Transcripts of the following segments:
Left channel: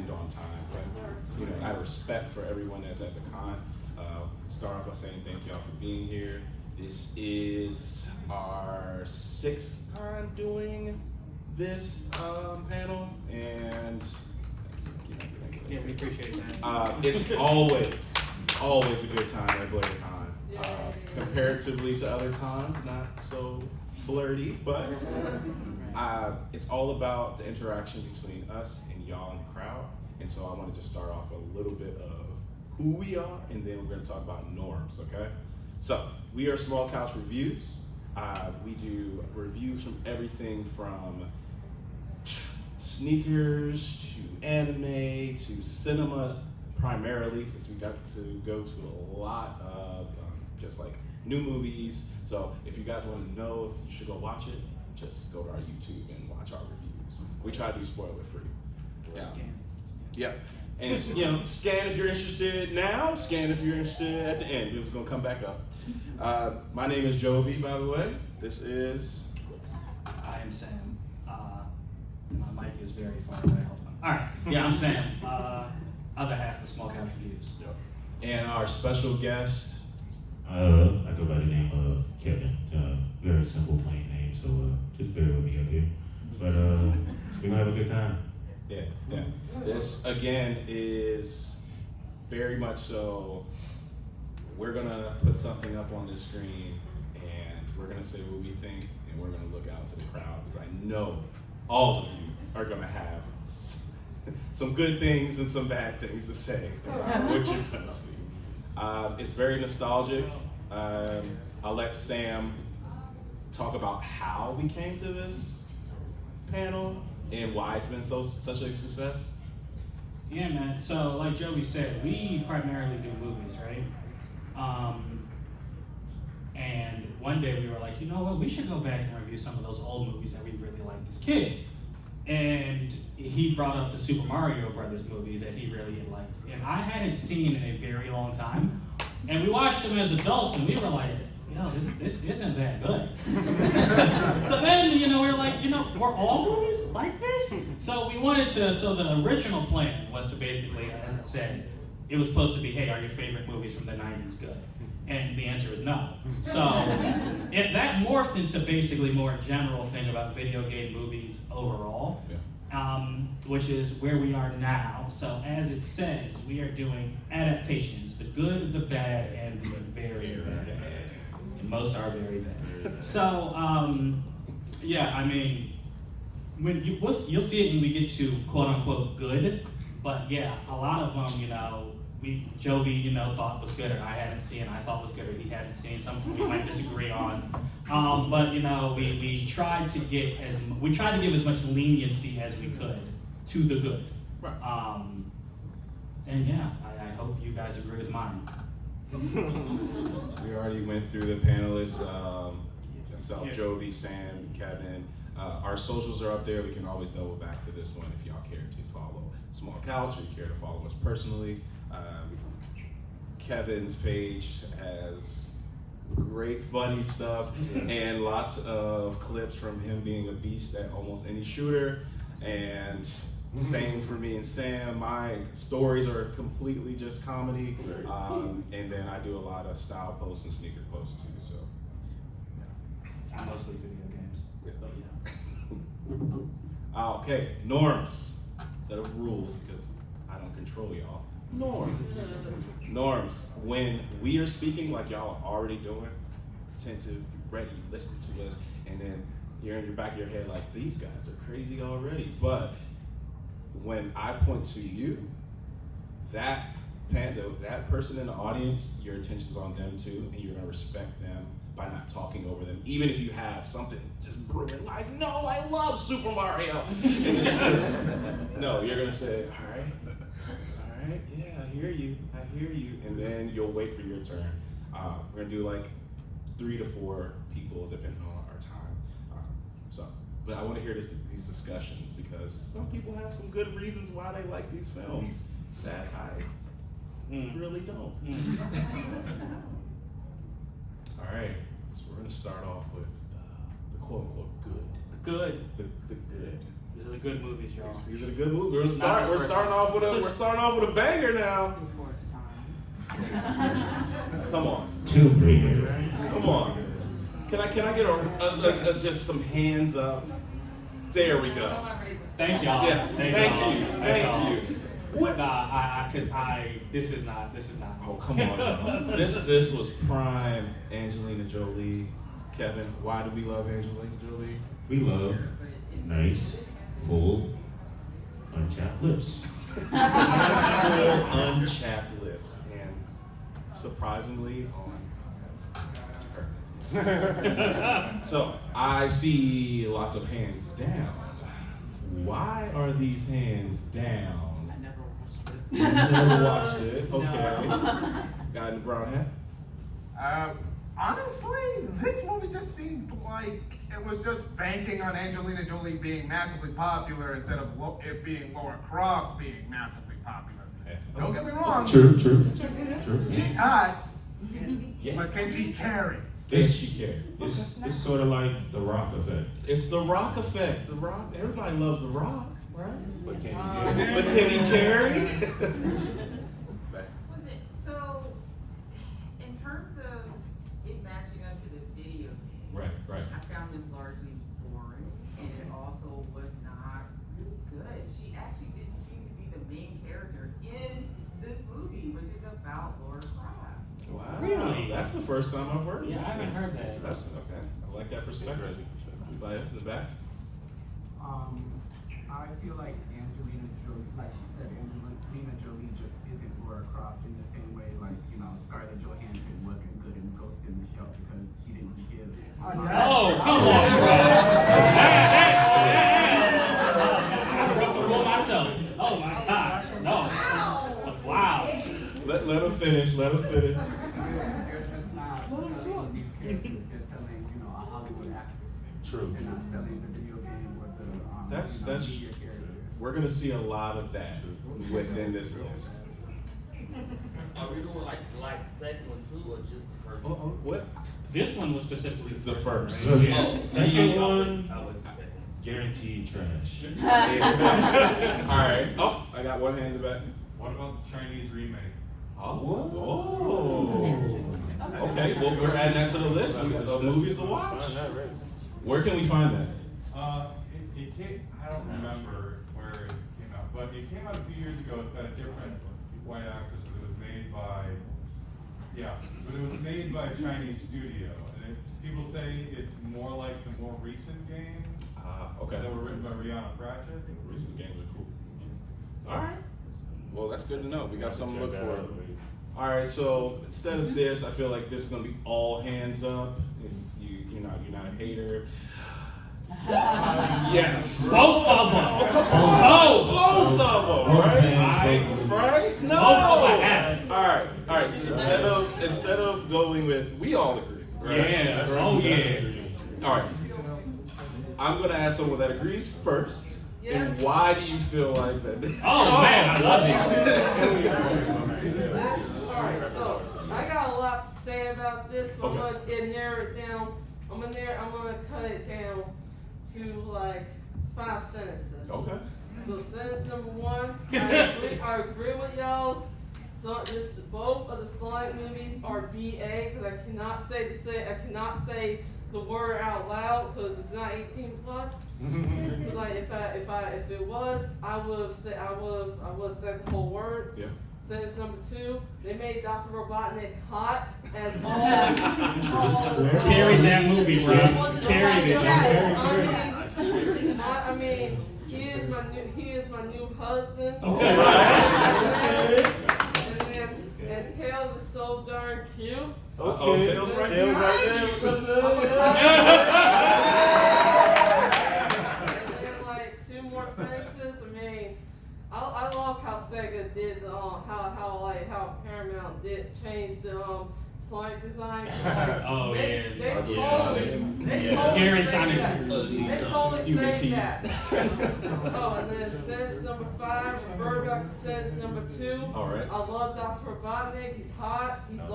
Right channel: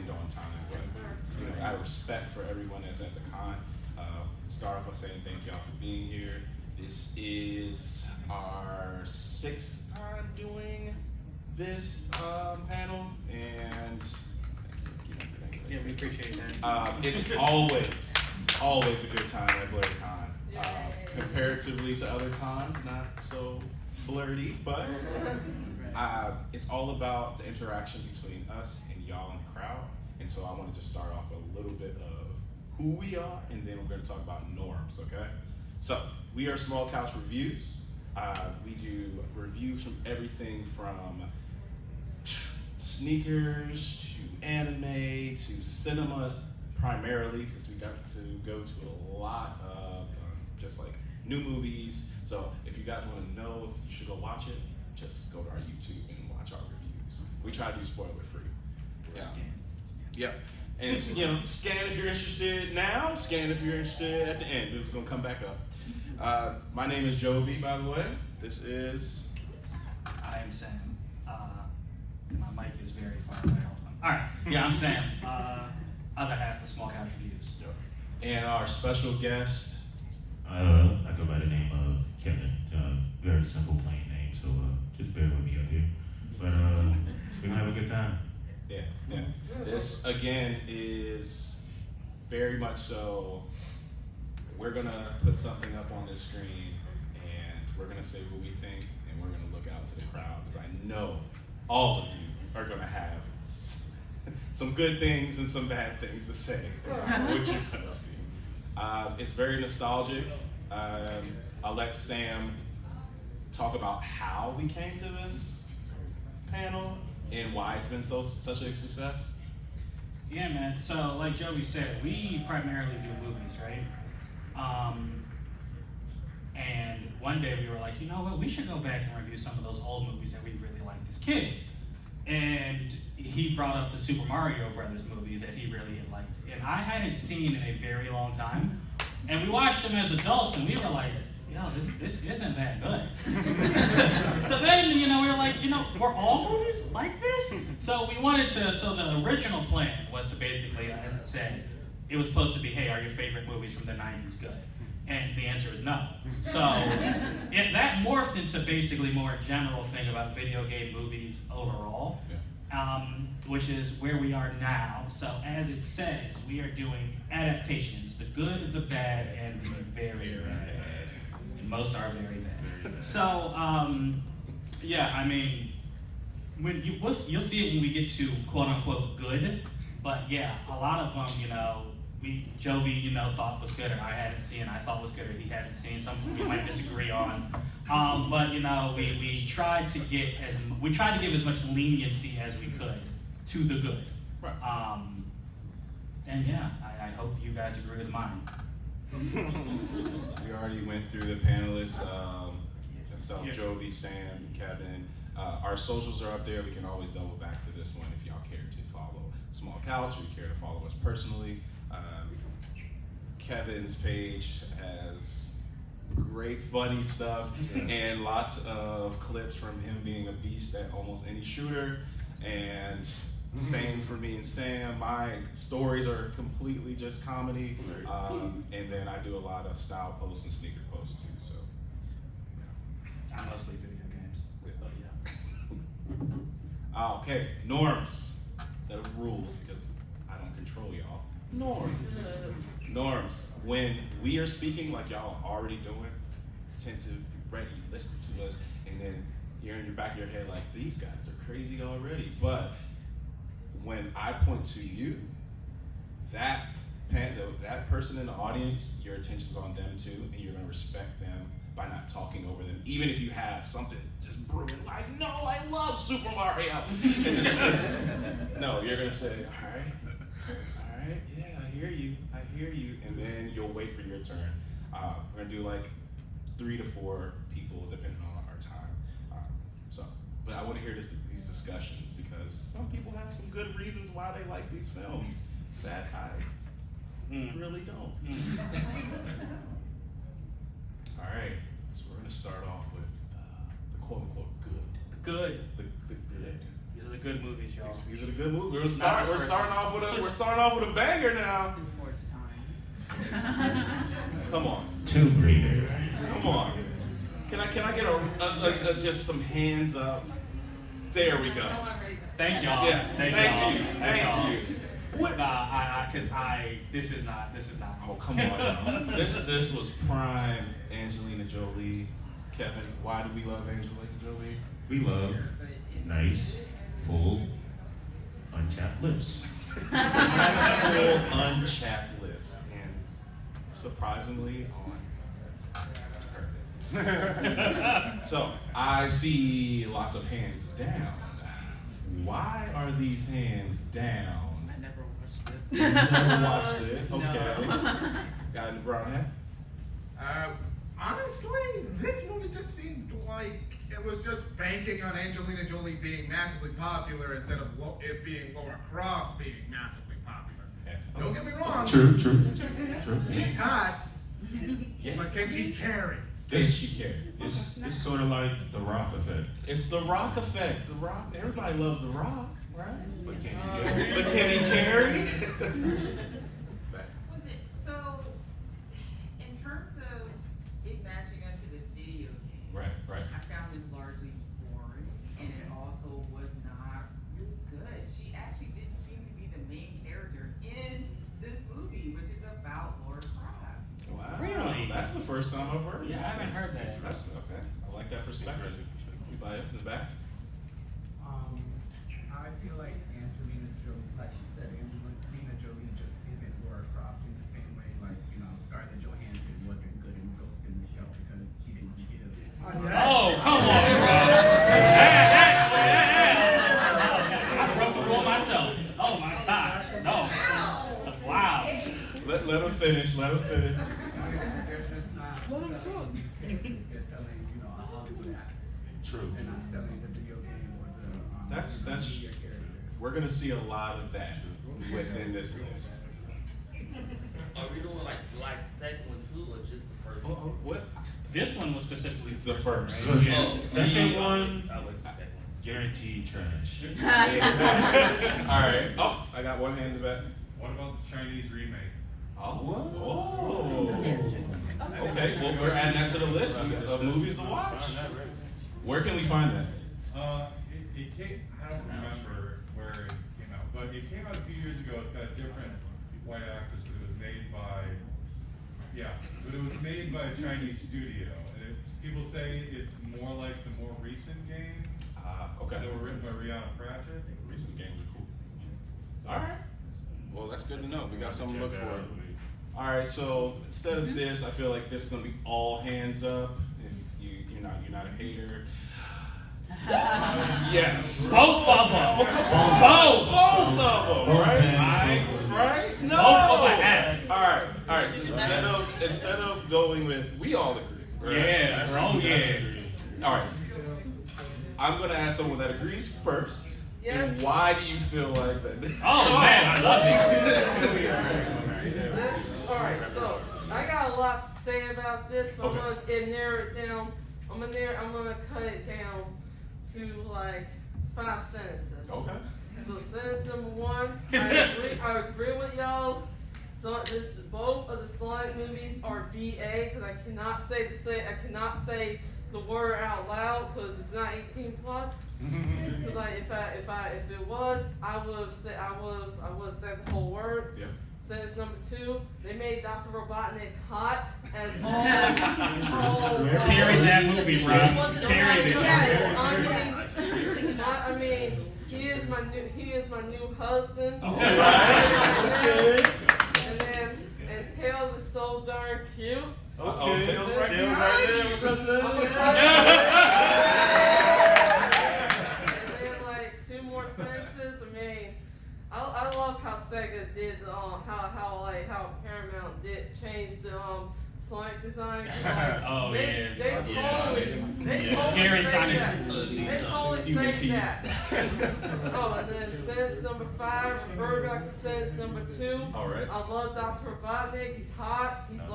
end on time, but out of respect for everyone that's at the con, start off by saying thank y'all for being here. This is our 6th time doing this panel, and yeah, we appreciate that. It's always a good time at BlerdCon. Comparatively to other cons, not so blerdy, but it's all about the interaction between us and y'all in the crowd. And so I want to just start off with a little bit of who we are, and then we're going to talk about norms, okay? So we are Small Couch Reviews. We do reviews from everything from sneakers to anime to cinema primarily, because we got to go to a lot of just like new movies. So if you guys want to know if you should go watch it, just go to our YouTube and watch our reviews. We try to be spoiler free. Yeah. And scan if you're interested now, scan if you're interested at the end. This is gonna come back up. My name is Jovi, by the way. This is... I am Sam. My mic is very far away. Hold on. All right. Yeah, I'm Sam. Other half of Small Couch Reviews. And our special guest... I go by the name of Kevin. Very simple, plain name, so just bear with me up here. But we're gonna have a good time. Yeah. This, again, is very much so, we're gonna put something up on this screen, and we're gonna say what we think, and we're gonna look out to the crowd, because I know all of you are gonna have some good things and some bad things to say about what you're gonna see. It's very nostalgic. I'll let Sam talk about how we came to this panel and why it's been such a success. Yeah, man. So, like Jovi said, we primarily do movies, right? And one day we were like, you know what? We should go back and review some of those old movies that we really liked as kids. And he brought up the Super Mario Brothers movie that he really liked, and I hadn't seen in a very long time. And we watched them as adults, and we were like, this isn't that good. So then, we were like, were all movies like this? So we wanted to, so the original plan was to basically, as I said, it was supposed to be, hey, are your favorite movies from the 90s good? And the answer is no. So that morphed into basically more a general thing about video game movies overall, which is where we are now. So as it says, we are doing adaptations, the good, the bad, and the very bad. And most are very bad. So, when you'll see it when we get to quote unquote good, but yeah, a lot of them, Jovi, thought was good, and I hadn't seen. I thought was good, or he hadn't seen. Something we might disagree on. But we tried to give as much leniency as we could to the good. Right. And yeah, I hope you guys agree with mine. We already went through the panelists. Myself, Jovi, Sam, Kevin. Our socials are up there. We can always double back to this one if y'all care to follow Small Couch or you care to follow us personally. Kevin's page has great funny stuff and lots of clips from him being a beast at almost any shooter. And same for me and Sam. My stories are completely just comedy. And then I do a lot of style posts and sneaker posts too. So I mostly video games. Okay, norms instead of rules, because I don't control y'all. Norms. When we are speaking, like y'all are already doing, attentive, ready, listen to us, and then you're in the back of your head like, these guys are crazy already. But when I point to you, that person in the audience, your attention's on them too, and you're gonna respect them by not talking over them, even if you have something just brilliant, like, no, I love Super Mario. And it's just, no, you're gonna say, all right, yeah, I hear you, and then you'll wait for your turn. We're gonna do like 3 to 4 people depending on our time. But I want to hear these discussions, because some people have some good reasons why they like these films that I really don't. All right, so we're gonna start off with the quote unquote good. Good. The good. are the good movies, y'all. These are the good movies. We're starting off with a banger now. Before it's time. Come on. Tomb Raider. Come on. Can I get just some hands up? There we go. Thank y'all. Yes. Thank you. Thank you. What? Nah, this is not. Oh, come on, y'all. This was prime Angelina Jolie. Kevin, why do we love Angelina Jolie? We love nice, full, unchapped lips. Nice, full, unchapped lips. And surprisingly on her. So, I see lots of hands down. Why are these hands down? I never watched it. You never watched it? Okay. Guy in the brown hat? Honestly, this movie just seemed like it was just banking on Angelina Jolie being massively popular instead of it being Laura Croft being massively popular. Yeah. Don't get me wrong. True. She's hot, Yeah. but can she carry? Does she care? It's sort of like the Rock effect. It's the Rock effect. The Rock. Everybody loves the Rock, right? But can But can he carry? Was it so? In terms of it matching up to the video game, Right. I found this largely boring, and it also was not really good. She actually didn't seem to be the main character in this movie, which is about Laura Croft. Wow. Really? That's the first time I've heard. Yeah, I haven't heard that. That's okay. I like that perspective. Anybody else in the back? I feel like Angelina Jolie, like she said, Angelina Jolie just isn't Laura Croft in the same way, like, Scarlett Johansson wasn't good in Ghost in the Shell because she didn't give. Oh, come on, bro. I broke the rule myself. Oh my gosh. No. Wow. Let her finish. They're just not selling music, they're selling, a Hollywood actor. True. They're not selling the video game or the That's media character. we're gonna see a lot of that within this list. Are we doing like the second one too, or just the first one? What? This one was specifically The first. The Yeah. second one, I was the second. guaranteed trash. All right. Oh, I got one hand in the back. What about the Chinese remake? Oh. Okay. Well, we're adding that to the list of movies to watch. Where can we find that? It came, I don't remember where it came out, but it came out a few years ago. It's got a different white actress, but it was made by a Chinese studio. And people say it's more like the more recent games Okay. that were written by Rihanna Pratchett. Recent games are cool. All right. Well, that's good to know. We got something to look for. All right. So instead of this, I feel like this is gonna be all hands up. If you're not a hater. Yes. both of them. Oh, come on. Both of them. Right? No. Both of them. All right. Instead of going with we all agree. Right? Yeah, bro. Yeah. All right. I'm gonna ask someone that agrees first. Yes. And why do you feel like that? Oh man, I love it. Alright, so I got a lot to say about this, but Okay. I'm gonna narrow it down. I'm gonna cut it down to like 5 sentences. Okay. So sentence number 1, I agree with y'all. So both of the slide movies are BA because I cannot say the word out loud because it's not 18 plus. Because like if it was, I would have said the whole word. Yeah. Sentence number 2, they made Dr. Robotnik hot as all. Carried that movie, bro. Carried it. Yes, I mean, he is my new husband. Okay. And Tails is so darn cute. Okay. Tails right And like 2 more sentences. I mean, I love how Sega did how Paramount did change the slide design. Oh, yeah. They totally Scary saved Sonic. that. They totally Human saved teeth. that. Oh, and then sentence number 5, refer back to sentence number 2. All right. I love Dr. Robotnik. He's hot. He's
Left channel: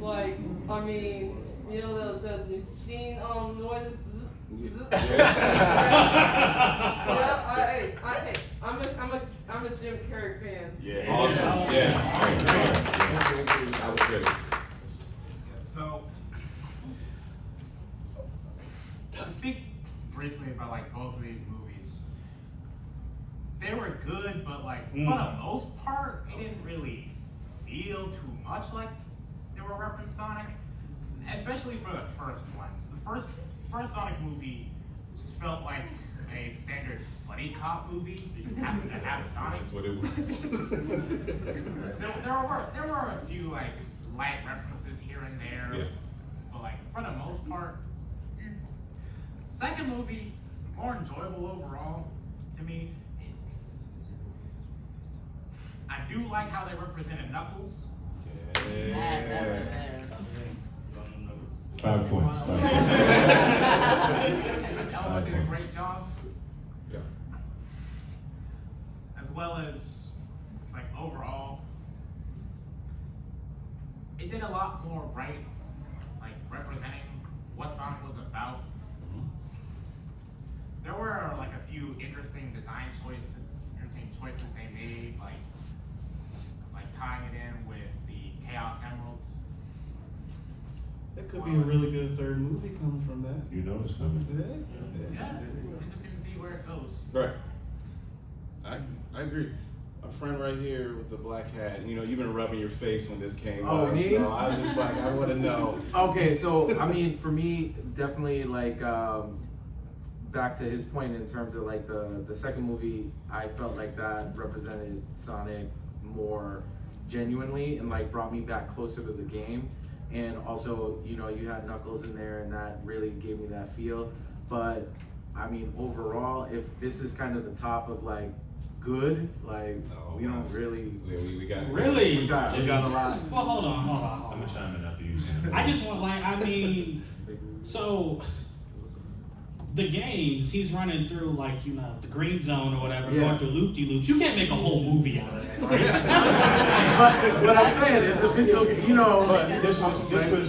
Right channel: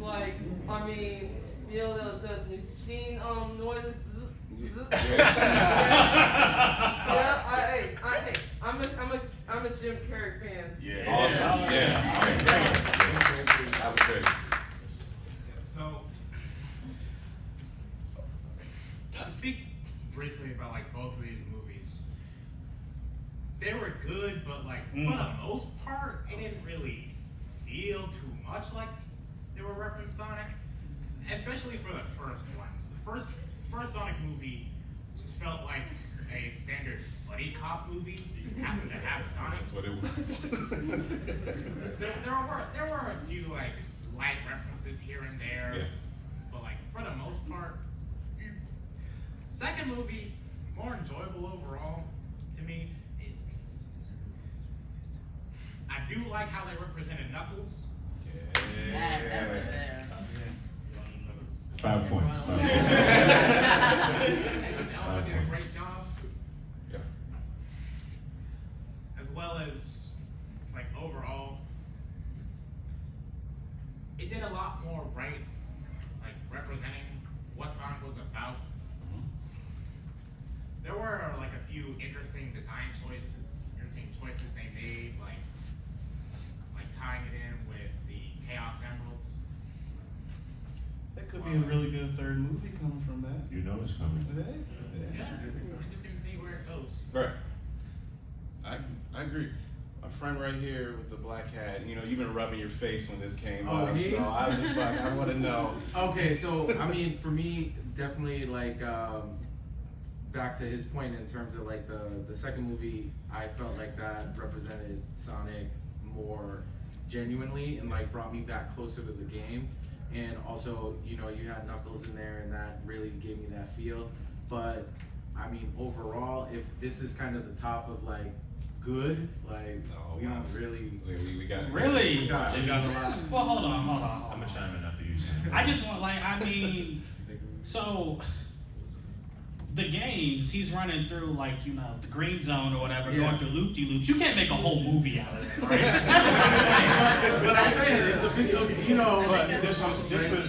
like, I mean, those machine noises. I'm a Jim Carrey fan. Yeah. Awesome. Yeah. Great. That was great. So, to speak briefly about like both of these movies, they were good, but like for the most part, it didn't really feel too much like they were referencing Sonic, especially for the first one. The first Sonic movie just felt like a standard buddy cop movie. Just happened to have Sonic. That's what it was. There were a few like light references here and there, Yeah. but like for the most part, second movie more enjoyable overall to me. I do like how they represented Knuckles. Yeah. 5 points. 5 points. Ella did a great job, Yeah. as well as like overall, it did a lot more right, like representing what Sonic was about. There were like a few interesting design choices they made, like tying it in with the Chaos Emeralds. That could be a really good third movie coming from that. You know it's coming. Yeah, it's interesting to see where it goes. Right. I agree. A friend right here with the black hat. You know, you've been rubbing your face when this came Oh, up. me? So I just like I want to know. Okay, so I mean, for me, definitely like back to his point in terms of like the second movie, I felt like that represented Sonic more genuinely and like brought me back closer to the game. And also, you know, you had Knuckles in there, and that really gave me that feel. But I mean, overall, if this is kind of the top of like good, like we don't really. We got Really? We got a lot. Well, hold on. I'm gonna chime in after you. Sam. I just want so the games, he's running through like, you know, the green zone or whatever, Yeah. going through loop-de-loops. You can't make a whole movie out of that, right? That's what I'm saying. But I'm saying it's a bit, you know. But this was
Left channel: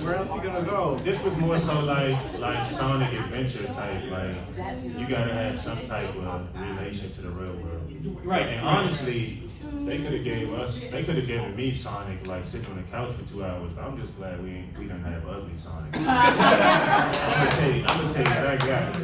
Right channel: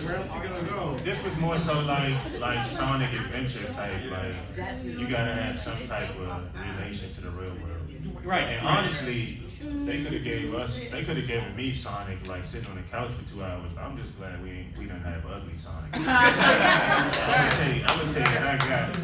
where else you gonna go? This was more so like Sonic Adventure type. Like you gotta have some type of relation to the real world. Right. And honestly, they could have given me Sonic like sitting on the couch for 2 hours. But I'm just glad we didn't have ugly Sonic. I'm gonna tell you what I got.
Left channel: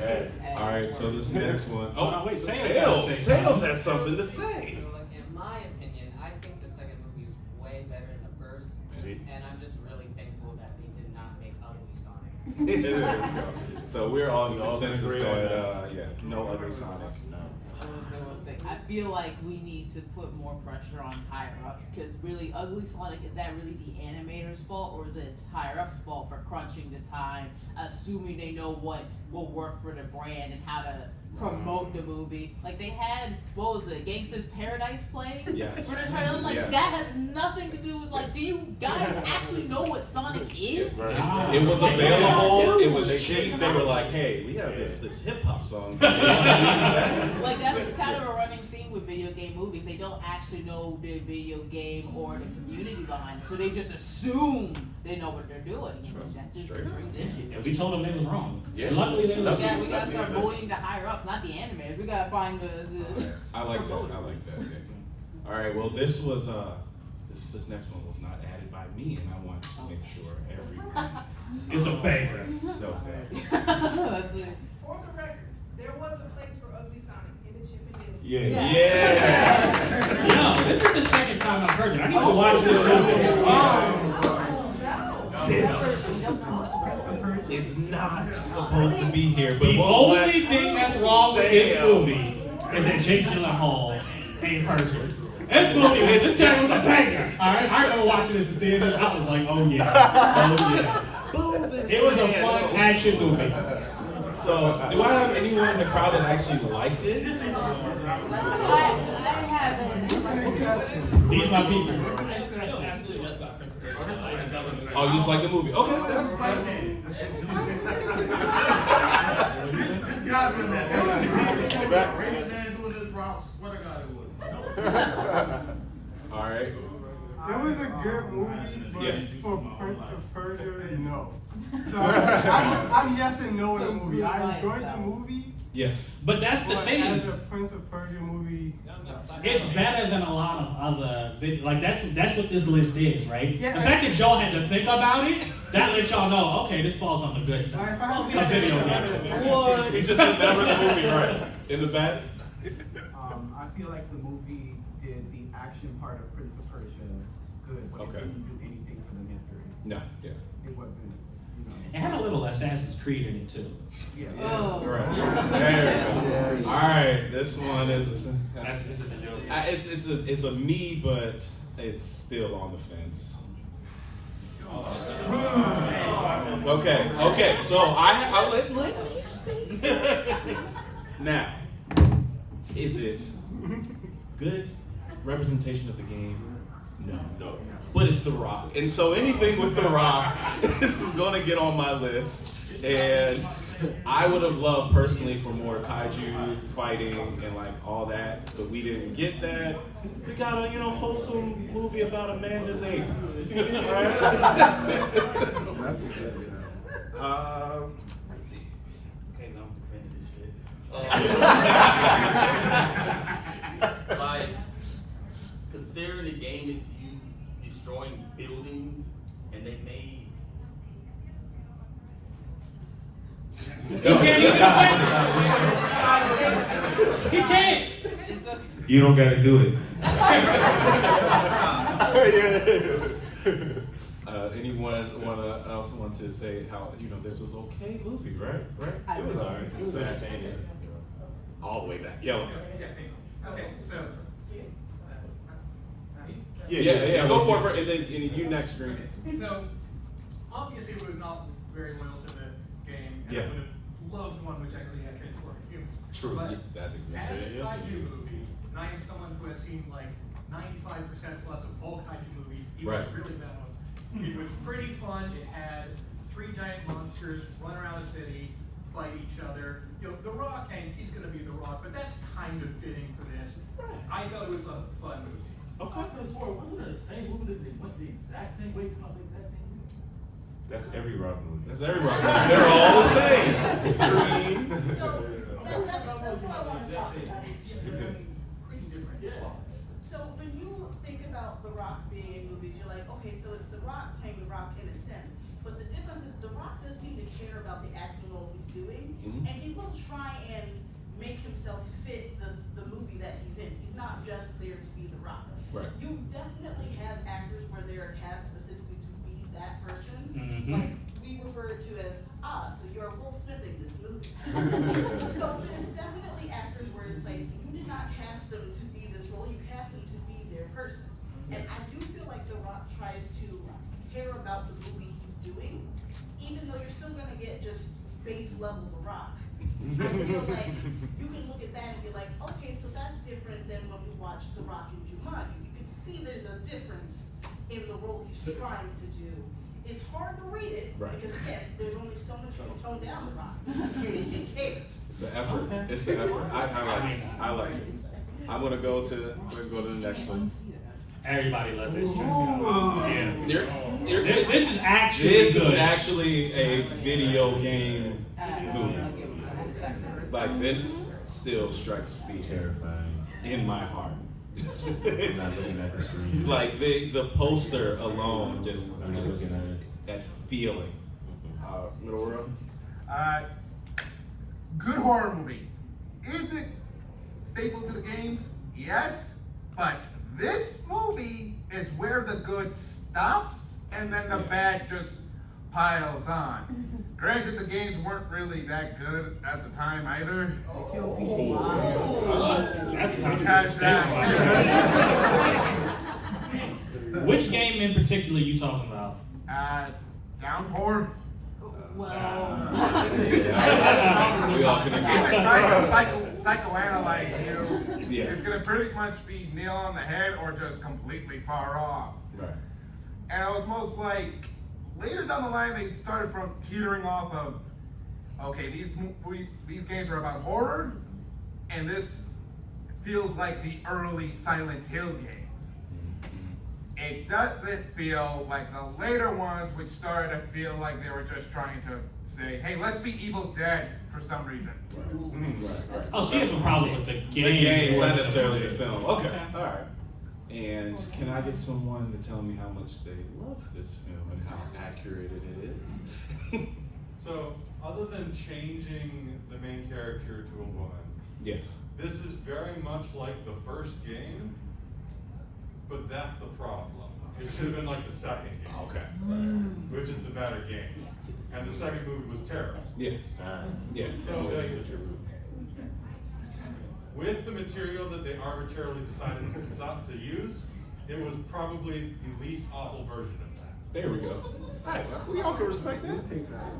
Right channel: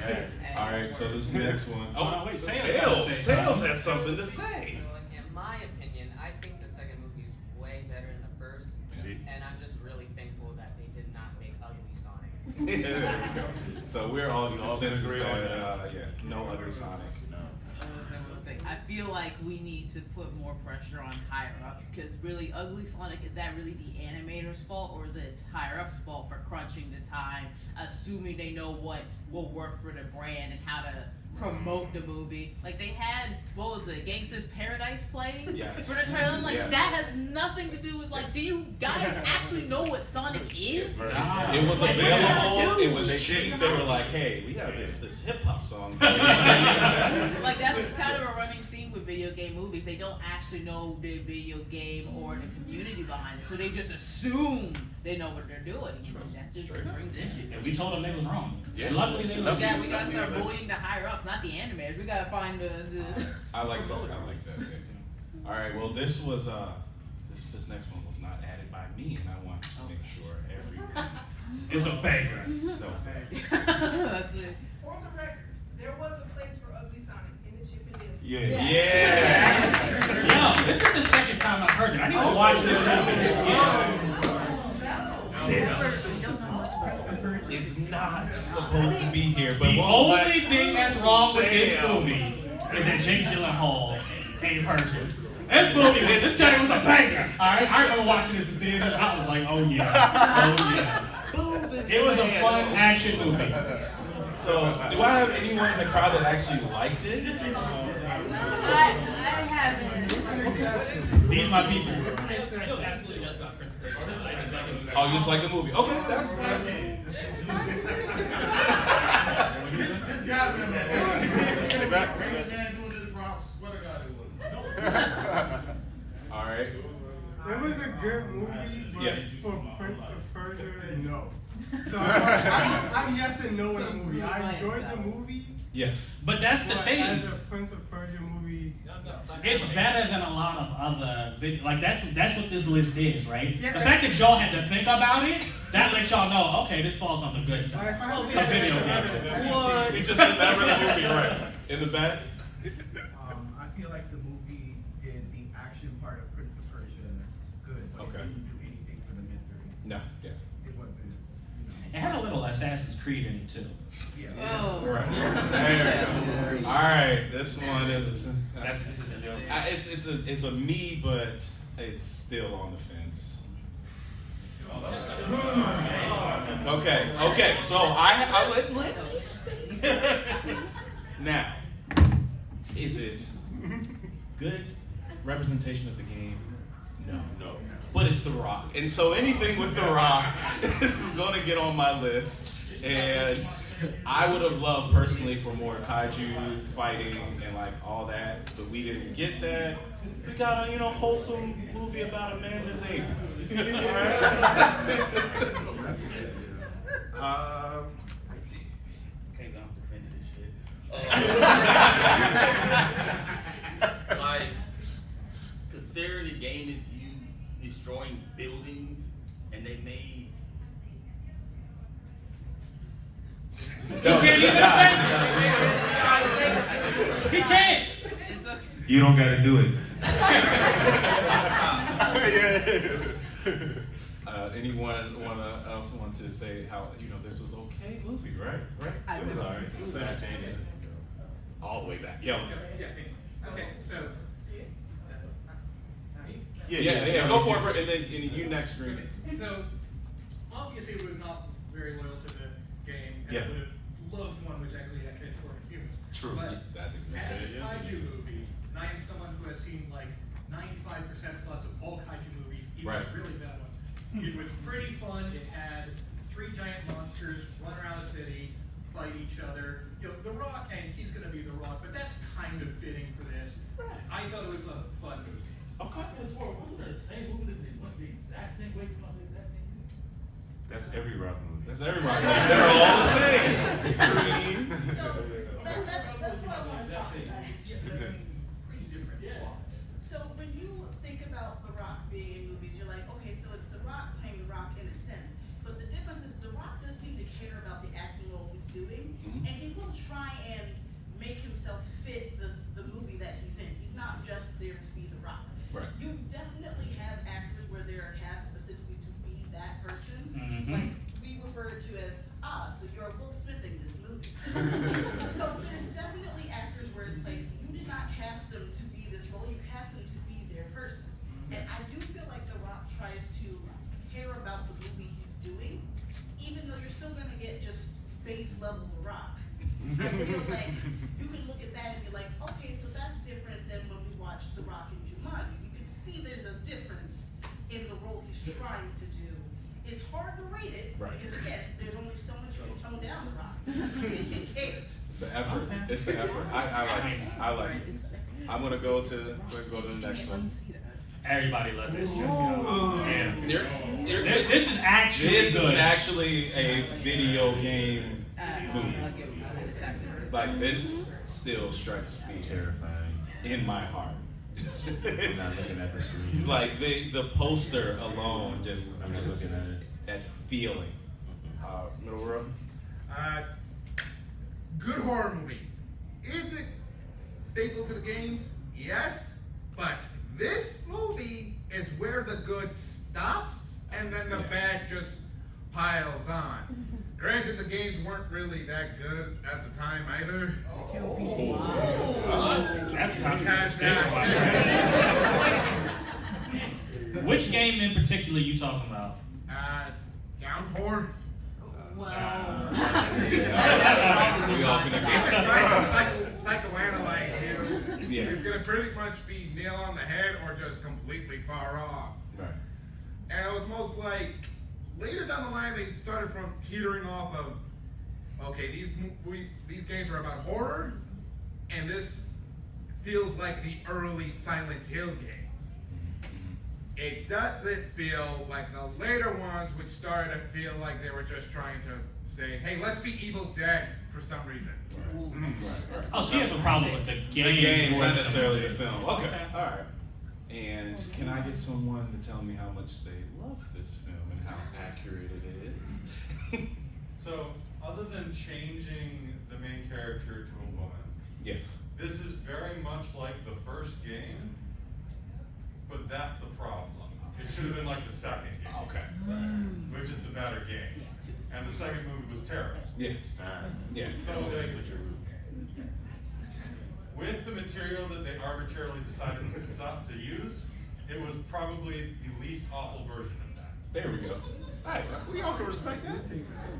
Yeah. All right, so this next one. Oh, wait, Tails has something to say. In my opinion, I think the second movie is way better than the first, See? and I'm just really thankful that they did not make ugly Sonic. There we go. So we're all in We all consensus agree on that no ugly Sonic. No. I feel like we need to put more pressure on higher ups, because really, ugly Sonic, is that really the animator's fault, or is it higher ups' fault for crunching the time, assuming they know what will work for the brand and how to promote the movie? Like they had, what was it, Gangsta's Paradise playing Yes. for the trailer? Like Yes. that has nothing to do with like, do you guys actually know what Sonic is? It was available. It was cheap. They were like, "Hey, we have this hip hop song." Like that's kind of a running theme with video game movies. They don't actually know the video game or the community behind it, so they just assume they know what they're doing. That just Straight up. brings issues. And we told them they was wrong. Yeah. Luckily they was. Yeah, we gotta start bullying the higher ups, not the animators. We gotta find the I like that. I like that. Okay. All right. Well, this was this next one was not added by me, and I want to make sure everyone It's a banger. knows that. That's it. For the record, there was a place for ugly Sonic in the Chip and Dale. Yeah. Yeah. Yo, this is the second time I've heard that. I need to watch this movie. This is not supposed to be here, but The we'll let only thing that's wrong with this Sam. movie is that Jake Gyllenhaal ain't perfect. This trailer was a banger. Alright, I remember watching this in theaters. I was like, oh yeah, oh yeah. Boo this It was a man. fun action movie. So, do I have anyone in the crowd that actually liked it? These my people. Oh, you just like the movie? Okay, that's fine. This guy been that. Raymond James doing this, bro. I swear to God it would. All right. It was a good movie, but Yeah. for Prince of Persia, no. So I'm yes and no in the movie. I enjoyed the movie. Yeah. But that's the But thing. as a Prince of Persia movie, It's better than a lot of other videos. Like that's what this list is, right? Yeah. The fact that y'all had to think about it, that lets y'all know, okay, this falls on the good side. A video game. What? He just remembered the movie, right? In the back. I feel like the movie did the action part of Prince of Persia good, but Okay. it didn't do anything for the mystery. No. Yeah. It wasn't, It had a little Assassin's Creed in it too. yeah. Oh. Right. There we go. All right. This one is. This is a joke. It's a me, but it's still on the fence. Okay. So I let now, is it good representation of the game? No. But it's The Rock, and so anything with The Rock is going to get on my list. And I would have loved personally for more kaiju fighting and like all that, but we didn't get that. We got a wholesome movie about a man that's ape. Okay, I'm defending this shit. Like, considering the game is you destroying buildings, and they made. He can't even defend it. He can't. You don't gotta do it. Anyone else want to say how this was okay movie, right? It was alright. It was bad. All the way back. Yeah. Okay, so. Yeah. Go for it, and then you next, Green. So, obviously, it was not very loyal to the game, and Yeah. I would have loved one which actually had transforming humans. True. But That's exactly as a it. Yeah. kaiju movie, and I am someone who has seen like 95% plus of all kaiju movies, even Right. the really bad ones. It was pretty fun. It had 3 giant monsters run around a city, fight each other. The Rock, and he's going to be The Rock, but that's kind of fitting for this. I thought it was a fun movie. Okay. Wasn't it the same movie that they went the exact same way from the exact same movie? That's every rock movie. That's every rock movie. They're all the same. That's what I want to talk about. So when you think about The Rock being in movies, you're like, okay, so it's The Rock playing The Rock in a sense. But the difference is The Rock does seem to care about the acting role he's doing, and he will try and make himself fit the movie that he's in. He's not just there to be The Rock. Right. You definitely have actors where they are cast specifically to be that person. Mhm. Like we refer to as, so you're Will Smith in this movie. So there's definitely actors where it's like, you did not cast them to be this role, you cast them to be their person. And I do feel like The Rock tries to care about the movie he's doing, even though you're still gonna get just base level The Rock. I feel like you can look at that and be like, okay, so that's different than when we watched The Rock in Jumanji. You can see there's a difference in the role he's trying to do. It's hard to rate it, Right. because again, there's only so much you can tone down The Rock. Who cares? It's the effort. It's the effort. I like it. I'm gonna go to the next one. Everybody loved this. This is actually This is good. actually a video game movie. Like this still strikes fear Terrifying. in my heart. I'm not looking at the screen. Like the poster alone, just I'm not looking at it. that feeling. Middle world. Good horror movie. Is it faithful to the games? Yes. But this movie is where the good stops and then the bad just piles on. Granted, the games weren't really that good at the time either. That's Because Which game in particular you talking about? Downpour. Well, We all can agree. It's trying to psychoanalyze you. Yeah. It's gonna pretty much be nail on the head or just completely far off. Right. And it was most like later down the line they started from teetering off of, okay, these games are about horror, and this feels like the early Silent Hill games. it doesn't feel like the later ones, which started to feel like they were just trying to say, hey, let's be Evil Dead for some reason. Right. Oh, so you have a problem with the game? The game, not necessarily the film. Okay, all right. And can I get someone to tell me how much they love this film and how accurate it is? So, other than changing the main character to a woman, Yeah. this is very much like the first game, but that's the problem. It should have been like the second game. Okay. Which is the better game. And the second movie was terrible. Yeah. Yeah. So, with the material that they arbitrarily decided to use, it was probably the least awful version of that. There we go. Hey, we all can respect that.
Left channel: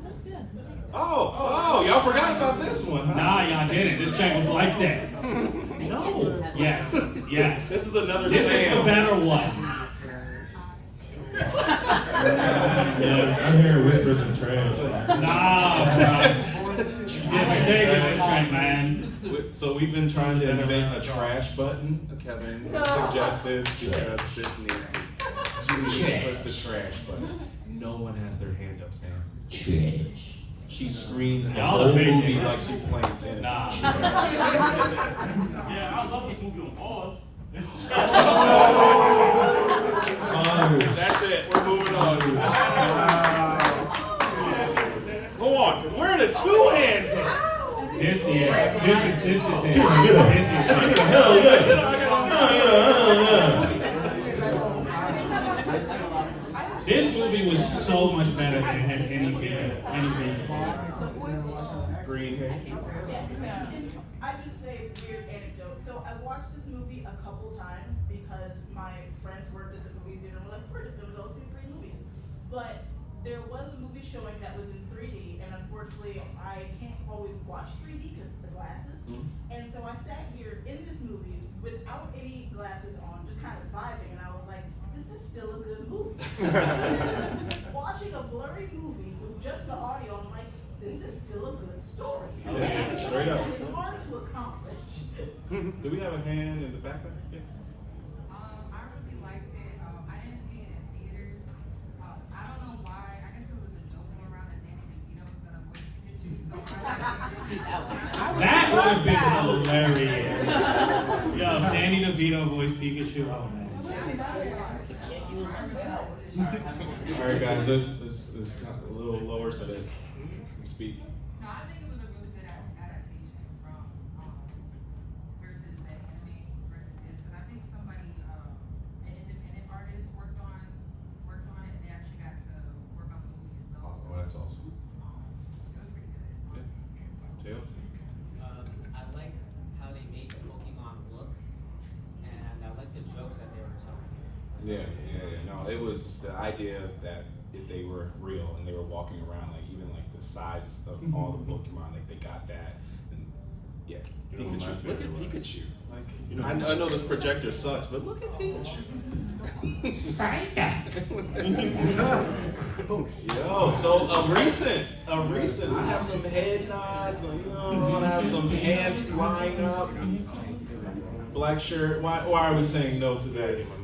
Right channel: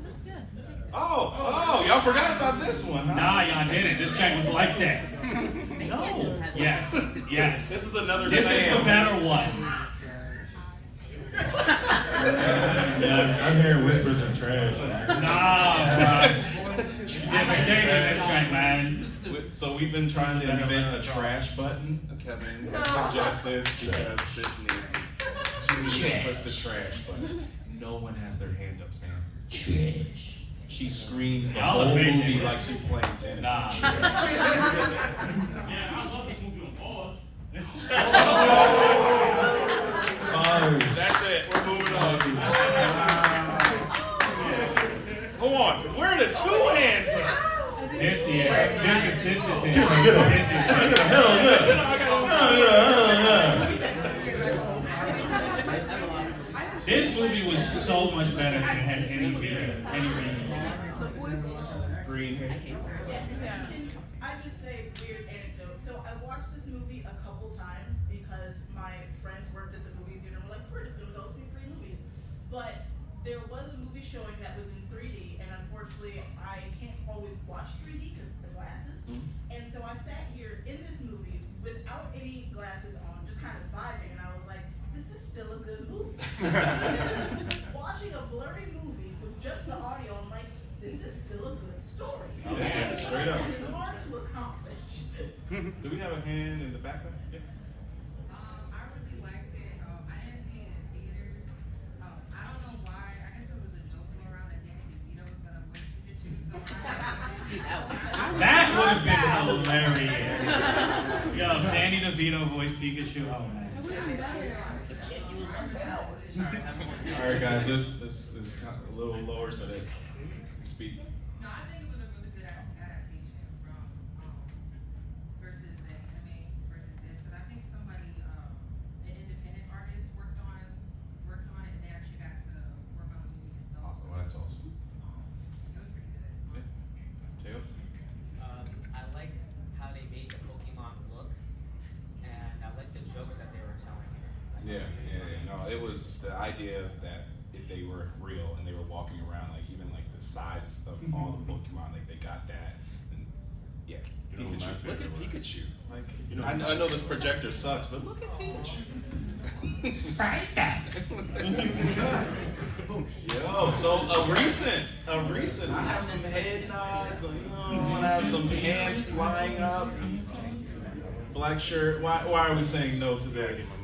That's good. Oh, y'all forgot about this one, huh? Nah, y'all didn't. This track was like that. No. Yes. Yes. This is another This is the better one. I'm hearing whispers of trash. Nah, bro. Different day with this track, man. So we've been trying to invent a trash button. Kevin has suggested because this needs to push the trash button. No one has their hand up saying trash. She screams the whole movie like she's playing tennis. Yeah, I love this movie on pause. That's it. We're moving on. Go on. Where are the two hands up? This is it. This is it. Hell This movie was so much better than anything. Green hair. I just say a weird anecdote. So I watched this movie a couple times because my friends worked at the movie theater and were like, we're just gonna go see 3 movies. But there was a movie showing that was in 3D, and unfortunately I can't always watch 3D because of the glasses. And so I sat here in this movie without any glasses on, just kind of vibing, and I was like, this is still a good movie. Watching a blurry movie with just the audio, I'm like, this is still a good story. Okay, straight up. It's hard to accomplish. Do we have a hand in the back? Yeah. I really liked it. I didn't see it in theaters. I don't know why. I guess it was a joke going around that Danny DeVito was gonna voice Pikachu. That would have been hilarious. Yo, Danny DeVito voiced Pikachu. Oh man. All right, guys. Let's got a little lower so they can speak. No, I think it was a really good adaptation from versus the anime versus this, because I think somebody, an independent artist worked on it, and they actually got to work on the movie itself. Oh, that's awesome. It was pretty good. Tails? I like how they made the Pokemon look, and I like the jokes that they were telling. Yeah. No, it was the idea that if they were real and they were walking around, like even like the sizes of all the Pokemon, like they got that. And yeah, Pikachu. Look at Pikachu. Like I know this projector sucks, but look at Pikachu. Yo, so a recent. I have some head nods. I have some hands flying up. Black shirt. Why are we saying no to this?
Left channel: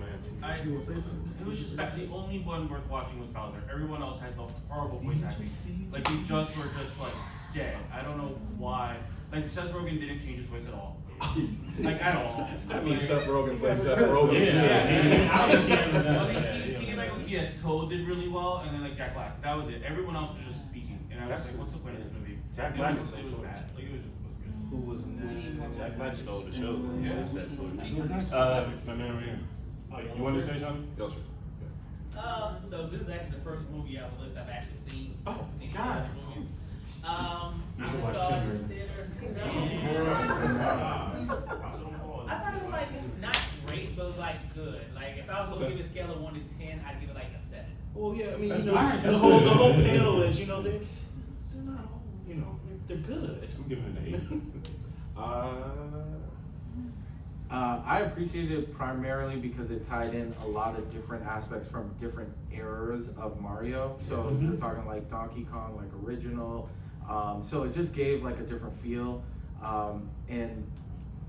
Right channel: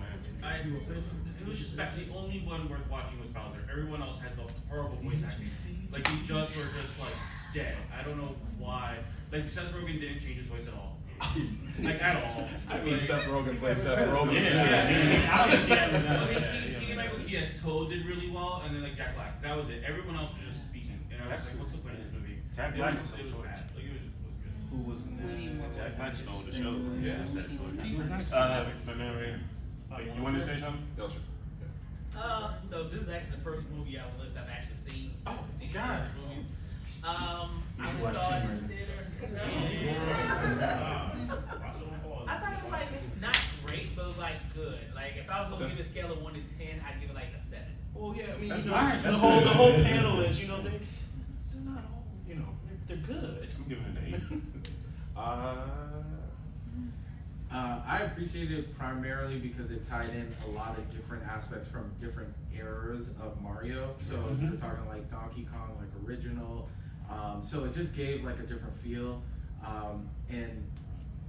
It was just that the only one worth watching was Bowser. Everyone else had the horrible voice acting. Like they just were just like dead. I don't know why. Like Seth Rogen didn't change his voice at all. Like at all. I mean, Seth Rogen plays Seth Rogen too. Yes, Toad did really well, and then like Jack Black. That was it. Everyone else was just speaking. And I was like, what's the point of this movie? Jack Black was bad. Like, it was Who was next? Jack Black stole the show. Yeah, my man right here. You wanted to say something? Yo, sure. So this is actually the first movie on the list I've actually seen. Oh, seen God. Movies. I should watch saw it two, in theaters. I thought it was like not great, but like good. Like if I was gonna give it a scale of 1 to 10, I'd give it like a 7. Well, yeah, I mean, That's the good. whole panel is, they're not, they're good. I'm giving it an 8. I appreciate it primarily because it tied in a lot of different aspects from different eras of Mario. So you're talking like Donkey Kong, like original. So it just gave like a different feel. And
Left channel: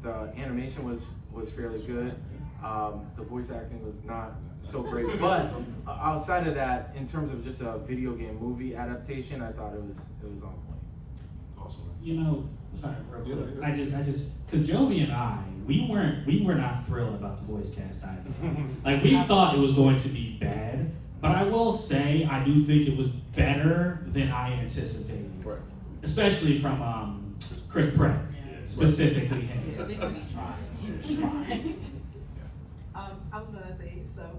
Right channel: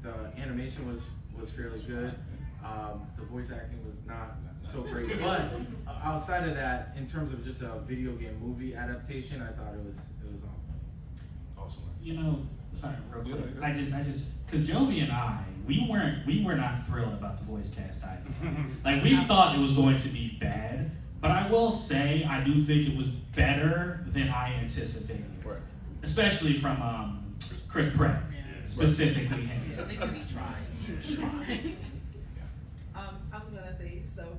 the animation was fairly good. The voice acting was not so great, but outside of that, in terms of just a video game movie adaptation, I thought it was on point. Awesome. You know, sorry, real quick. I just, cause Jovi and I, we were not thrilled about the voice cast either. Like we thought it was going to be bad, but I will say I do think it was better than I anticipated. Right. Especially from Chris Pratt, specifically him. Because he tried. I was gonna say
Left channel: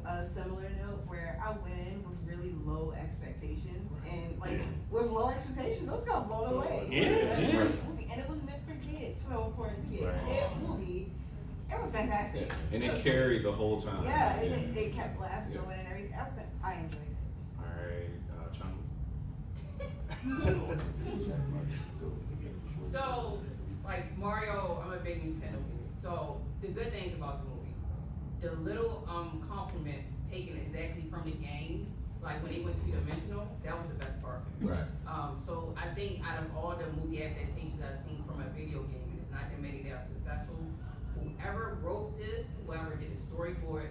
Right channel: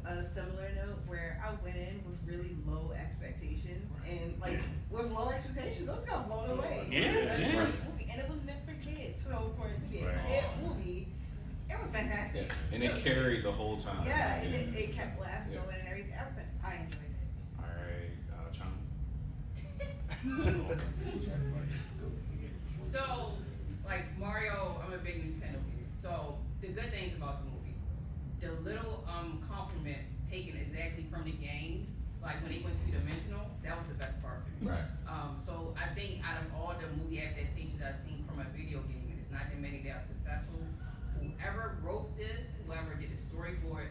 a similar note where I went in with really low expectations, and like with low expectations, I was kind of blown away. Yeah, It was a yeah. great movie, and it was meant for kids. So for it to be a kid movie, it was fantastic. Yeah. And it carried the whole time. Yeah, and it kept laughs going and everything. I enjoyed it. All right, Chum. So, like Mario, I'm a big Nintendo kid. So the good things about the movie, the little compliments taken exactly from the game, like when they went to Dimensional, that was the best part for me. Right. So I think out of all the movie adaptations I've seen from a video game, and it's not that many that are successful, whoever wrote this, whoever did the storyboard,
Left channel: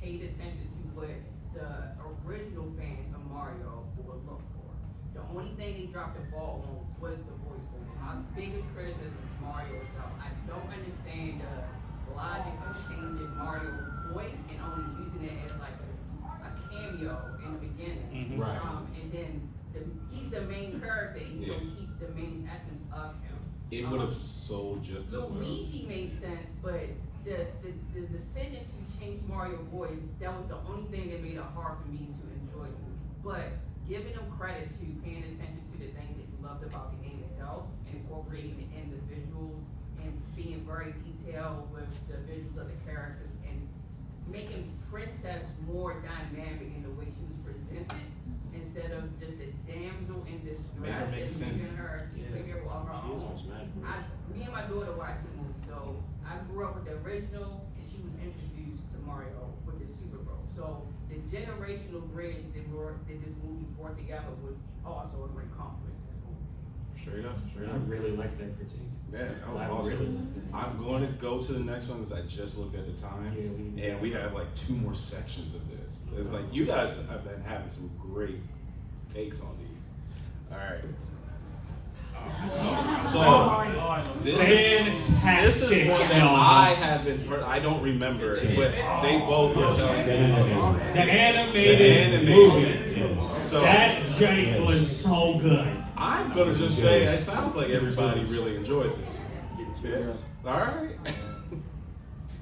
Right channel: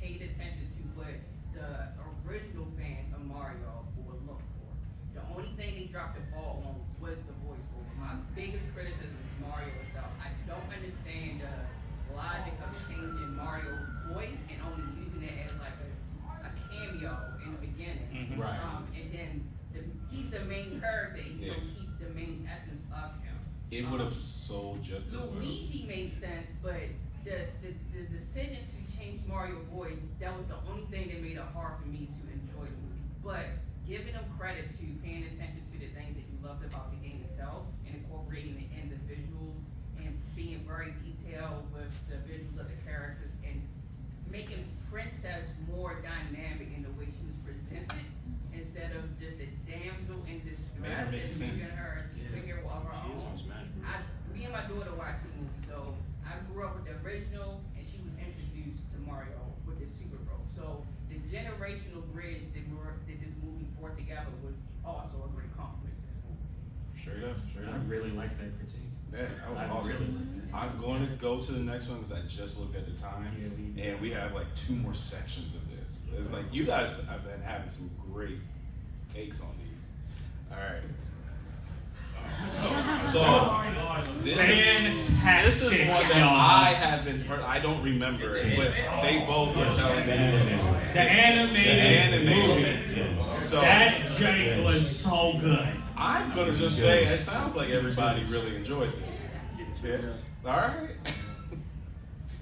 paid attention to what the original fans of Mario would look for. The only thing they dropped the ball on was the voice over. My biggest criticism is Mario itself. I don't understand the logic of changing Mario's voice and only using it as like a cameo in the beginning. Mm-hmm. Right. And then he's the main character, and you don't keep the main essence of him. It would have sold just as well. Luigi made sense, but the decision to change Mario's voice, that was the only thing that made it hard for me to enjoy the movie. But giving them credit to paying attention to the things that you loved about the game itself and incorporating it in the visuals and being very detailed with the visuals of the characters and making Princess more dynamic in the way she was presented instead of just a damsel in distress Make her make and making sense. her a superhero of her She is own. on Smash Bros. Me and my daughter watched the movie, so I grew up with the original, and she was introduced to Mario with the Super Bowl. So the generational bridge that this movie brought together was also a great compliment to the movie. Straight up. I really like that critique. Yeah, that was I awesome. really- I'm going to go to the next one because I just looked at the time, and we have like 2 more sections of this. It's like you guys have been having some great takes on these. All right. So this is one that I have been. I don't remember it, but they both were telling me The animated movie. So that joint was so good. I'm gonna just say it sounds like everybody really enjoyed this. Yeah. All right.